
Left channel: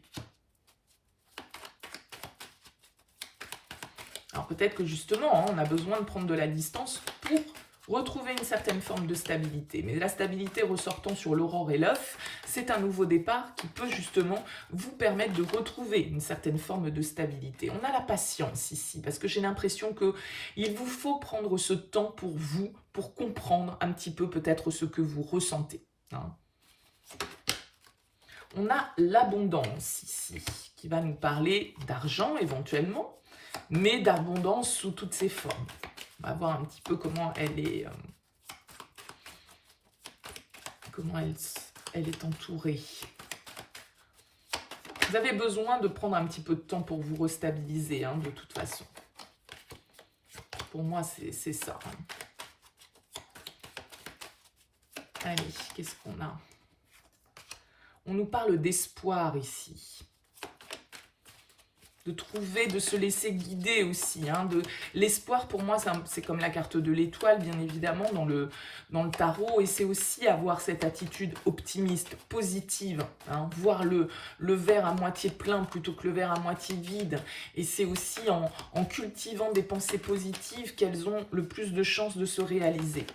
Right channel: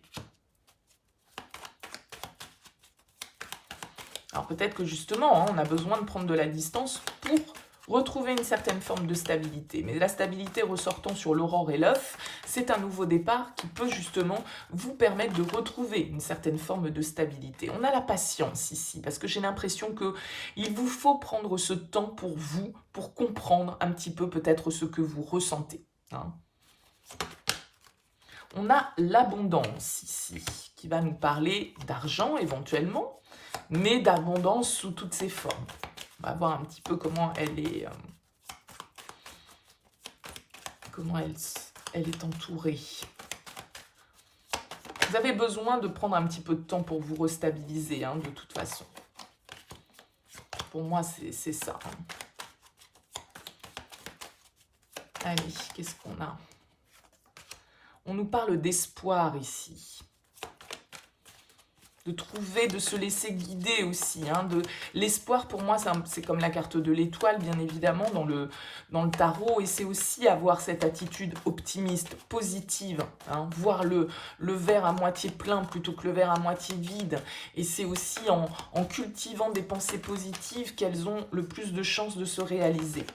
Alors peut-être que justement, on a besoin de prendre de la distance pour retrouver une certaine forme de stabilité. Mais la stabilité ressortant sur l'aurore et l'œuf, c'est un nouveau départ qui peut justement vous permettre de retrouver une certaine forme de stabilité. On a la patience ici, parce que j'ai l'impression qu'il vous faut prendre ce temps pour vous, pour comprendre un petit peu peut-être ce que vous ressentez. Hein. On a l'abondance ici, qui va nous parler d'argent éventuellement, mais d'abondance sous toutes ses formes. On va voir un petit peu comment elle est, elle est entourée. Vous avez besoin de prendre un petit peu de temps pour vous restabiliser, hein, de toute façon. Pour moi, c'est ça. Hein. Allez, qu'est-ce qu'on a? On nous parle d'espoir ici. De trouver, de se laisser guider aussi. Hein, l'espoir, pour moi, c'est comme la carte de l'étoile, bien évidemment, dans le tarot. Et c'est aussi avoir cette attitude optimiste, positive. Hein, voir le verre à moitié plein plutôt que le verre à moitié vide. Et c'est aussi en cultivant des pensées positives qu'elles ont le plus de chances de se réaliser.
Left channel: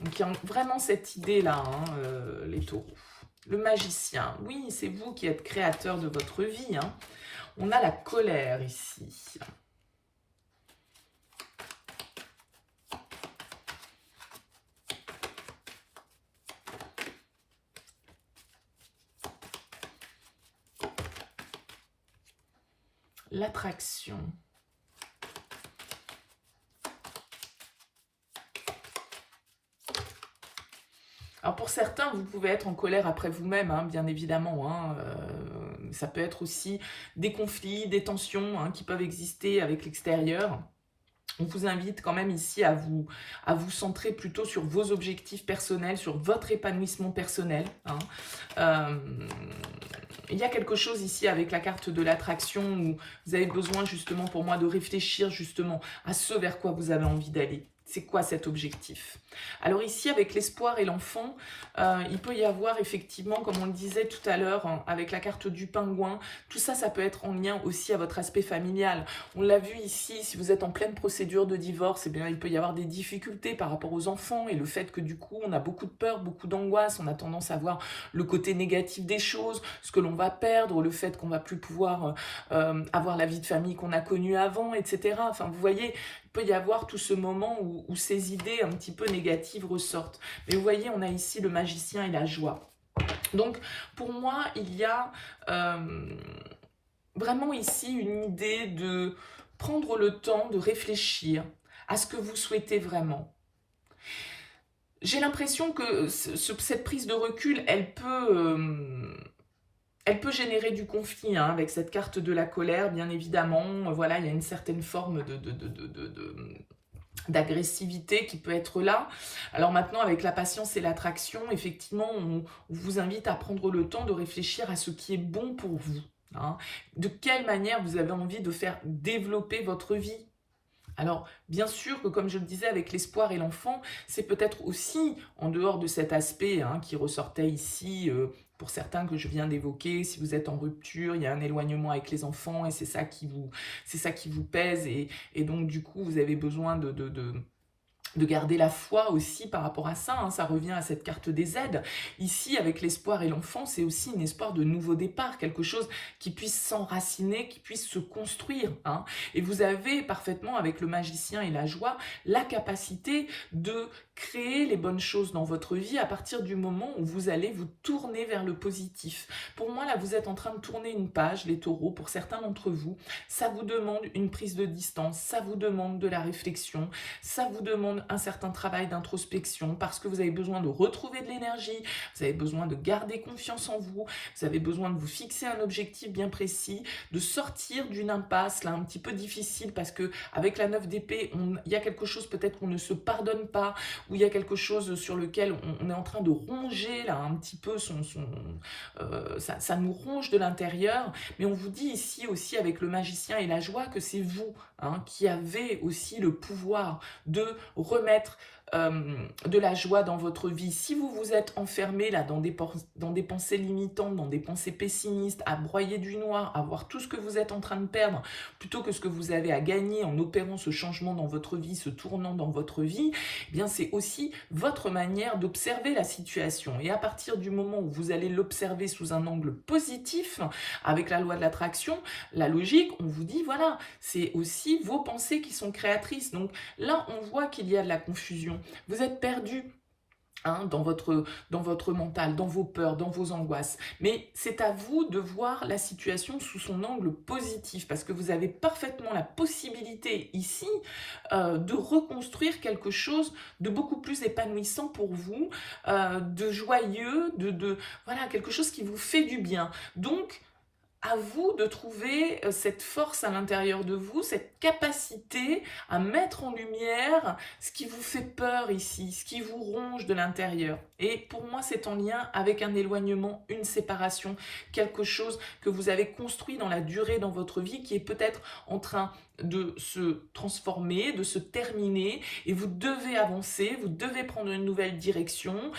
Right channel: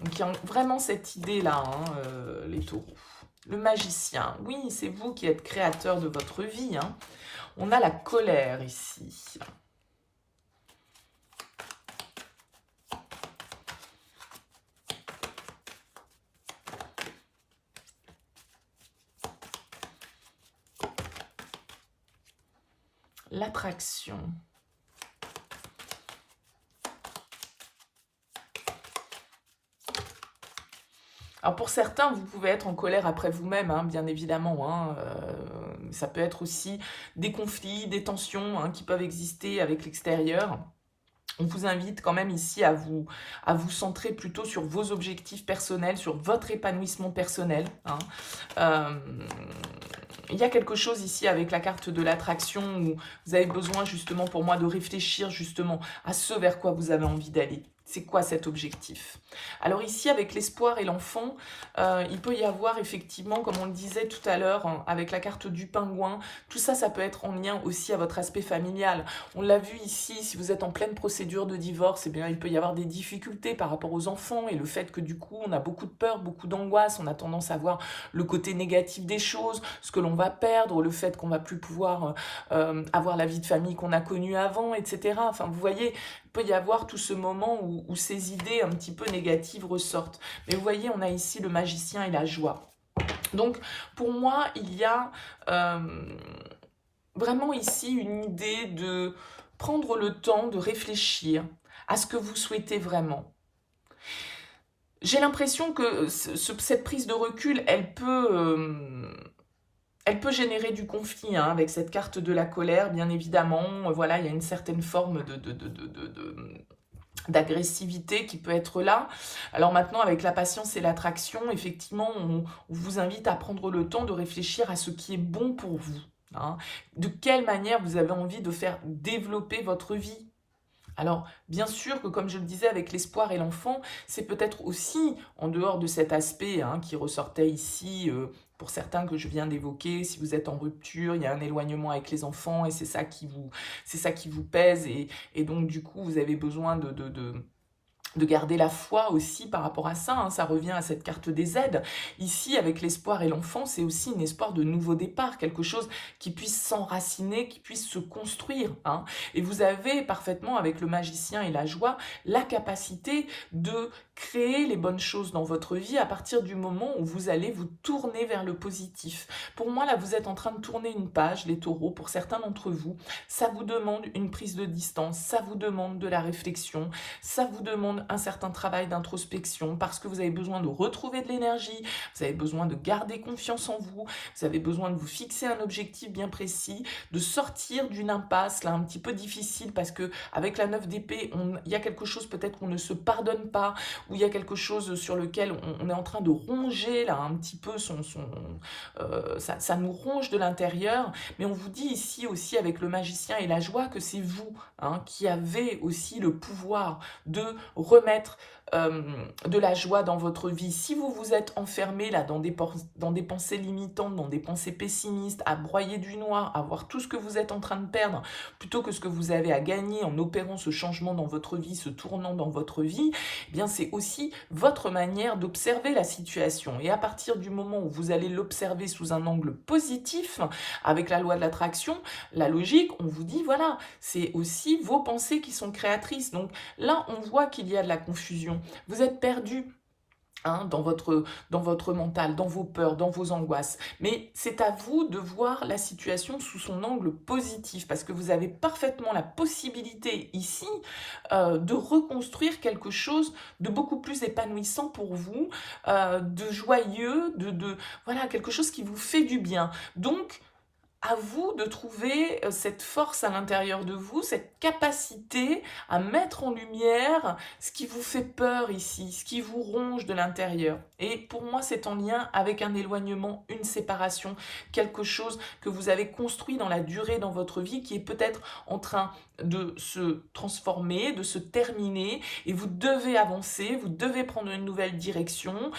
Donc, il y a vraiment cette idée-là, hein, les taureaux. Le magicien, oui, c'est vous qui êtes créateur de votre vie, hein. On a la colère ici. L'attraction. Alors pour certains, vous pouvez être en colère après vous-même, hein, bien évidemment. Hein, ça peut être aussi des conflits, des tensions, hein, qui peuvent exister avec l'extérieur. On vous invite quand même ici à vous centrer plutôt sur vos objectifs personnels, sur votre épanouissement personnel. Hein. Il y a quelque chose ici avec la carte de l'attraction où vous avez besoin justement pour moi de réfléchir justement à ce vers quoi vous avez envie d'aller. C'est quoi cet objectif? Alors ici, avec l'espoir et l'enfant, il peut y avoir effectivement, comme on le disait tout à l'heure, hein, avec la carte du pingouin, tout ça, ça peut être en lien aussi à votre aspect familial. On l'a vu ici, si vous êtes en pleine procédure de divorce, eh bien, il peut y avoir des difficultés par rapport aux enfants et le fait que du coup, on a beaucoup de peur, beaucoup d'angoisse, on a tendance à voir le côté négatif des choses, ce que l'on va perdre, le fait qu'on va plus pouvoir avoir la vie de famille qu'on a connue avant, etc. Enfin, vous voyez, il peut y avoir tout ce moment où ces idées un petit peu négatives ressortent. Mais vous voyez, on a ici le magicien et la joie. Donc, pour moi, il y a vraiment ici une idée de prendre le temps de réfléchir à ce que vous souhaitez vraiment. J'ai l'impression que cette prise de recul, elle peut générer du conflit, hein, avec cette carte de la colère, bien évidemment. Voilà, il y a une certaine forme d'agressivité qui peut être là. Alors maintenant, avec la patience et l'attraction, effectivement, on vous invite à prendre le temps de réfléchir à ce qui est bon pour vous. Hein. De quelle manière vous avez envie de faire développer votre vie. Alors, bien sûr que, comme je le disais, avec l'espoir et l'enfant, c'est peut-être aussi, en dehors de cet aspect, hein, qui ressortait ici, pour certains que je viens d'évoquer, si vous êtes en rupture, il y a un éloignement avec les enfants, et c'est ça qui vous pèse, et donc, du coup, vous avez besoin de garder la foi aussi par rapport à ça, hein, ça revient à cette carte des aides. Ici, avec l'espoir et l'enfant, c'est aussi un espoir de nouveau départ, quelque chose qui puisse s'enraciner, qui puisse se construire. Hein. Et vous avez parfaitement, avec le magicien et la joie, la capacité de créer les bonnes choses dans votre vie à partir du moment où vous allez vous tourner vers le positif. Pour moi, là, vous êtes en train de tourner une page, les taureaux, pour certains d'entre vous. Ça vous demande une prise de distance, ça vous demande de la réflexion, ça vous demande un certain travail d'introspection parce que vous avez besoin de retrouver de l'énergie, vous avez besoin de garder confiance en vous, vous avez besoin de vous fixer un objectif bien précis, de sortir d'une impasse là un petit peu difficile parce que avec la 9 d'épée, il y a quelque chose peut-être qu'on ne se pardonne pas, ou il y a quelque chose sur lequel on est en train de ronger là un petit peu ça nous ronge de l'intérieur, mais on vous dit ici aussi avec le magicien et la joie que c'est vous hein, qui avez aussi le pouvoir de remettre de la joie dans votre vie. Si vous vous êtes enfermé là dans des pensées limitantes, dans des pensées pessimistes, à broyer du noir, à voir tout ce que vous êtes en train de perdre, plutôt que ce que vous avez à gagner en opérant ce changement dans votre vie, ce tournant dans votre vie, eh bien c'est aussi votre manière d'observer la situation. Et à partir du moment où vous allez l'observer sous un angle positif, avec la loi de l'attraction, la logique, on vous dit, voilà, c'est aussi vos pensées qui sont créatrices. Donc là, on voit qu'il y a de la confusion. Vous êtes perdu, hein, dans votre mental, dans vos peurs, dans vos angoisses. Mais c'est à vous de voir la situation sous son angle positif, parce que vous avez parfaitement la possibilité ici de reconstruire quelque chose de beaucoup plus épanouissant pour vous, de joyeux, voilà, quelque chose qui vous fait du bien. Donc, à vous de trouver cette force à l'intérieur de vous, cette capacité à mettre en lumière ce qui vous fait peur ici, ce qui vous ronge de l'intérieur. Et pour moi, c'est en lien avec un éloignement, une séparation, quelque chose que vous avez construit dans la durée dans votre vie qui est peut-être en train de se transformer, de se terminer, et vous devez avancer, vous devez prendre une nouvelle direction,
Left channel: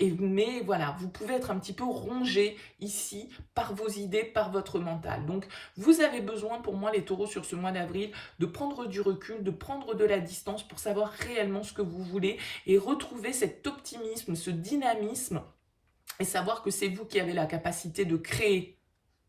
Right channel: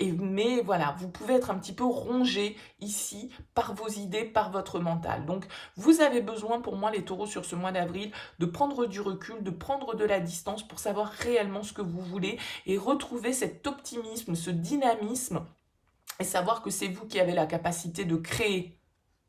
mais voilà, vous pouvez être un petit peu rongé ici par vos idées, par votre mental. Donc, vous avez besoin, pour moi, les taureaux, sur ce mois d'avril, de prendre du recul, de prendre de la distance pour savoir réellement ce que vous voulez et retrouver cet optimisme, ce dynamisme, et savoir que c'est vous qui avez la capacité de créer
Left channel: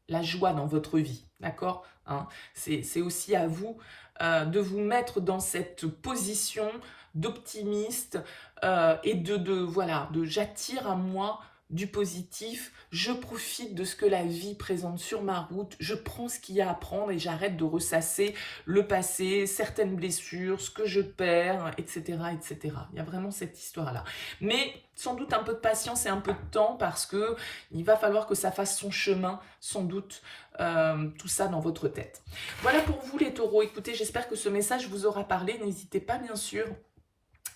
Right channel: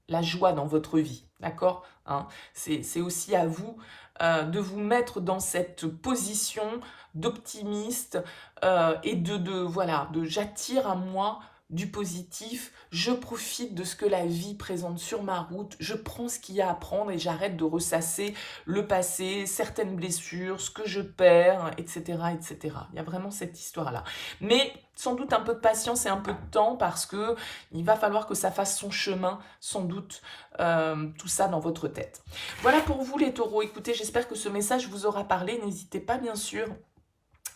la joie dans votre vie, d'accord, hein? C'est aussi à vous de vous mettre dans cette position d'optimiste et voilà, j'attire à moi du positif, je profite de ce que la vie présente sur ma route, je prends ce qu'il y a à prendre et j'arrête de ressasser le passé, certaines blessures, ce que je perds, etc., etc. Il y a vraiment cette histoire-là. Mais sans doute un peu de patience et un peu de temps, parce que il va falloir que ça fasse son chemin, sans doute, tout ça dans votre tête. Voilà pour vous les taureaux. Écoutez, j'espère que ce message vous aura parlé. N'hésitez pas, bien sûr,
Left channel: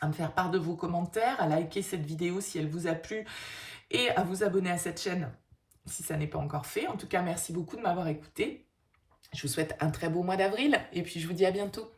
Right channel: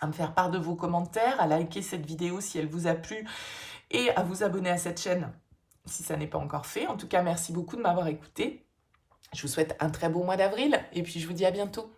à me faire part de vos commentaires, à liker cette vidéo si elle vous a plu, et à vous abonner à cette chaîne si ça n'est pas encore fait. En tout cas, merci beaucoup de m'avoir écouté. Je vous souhaite un très beau mois d'avril et puis je vous dis à bientôt.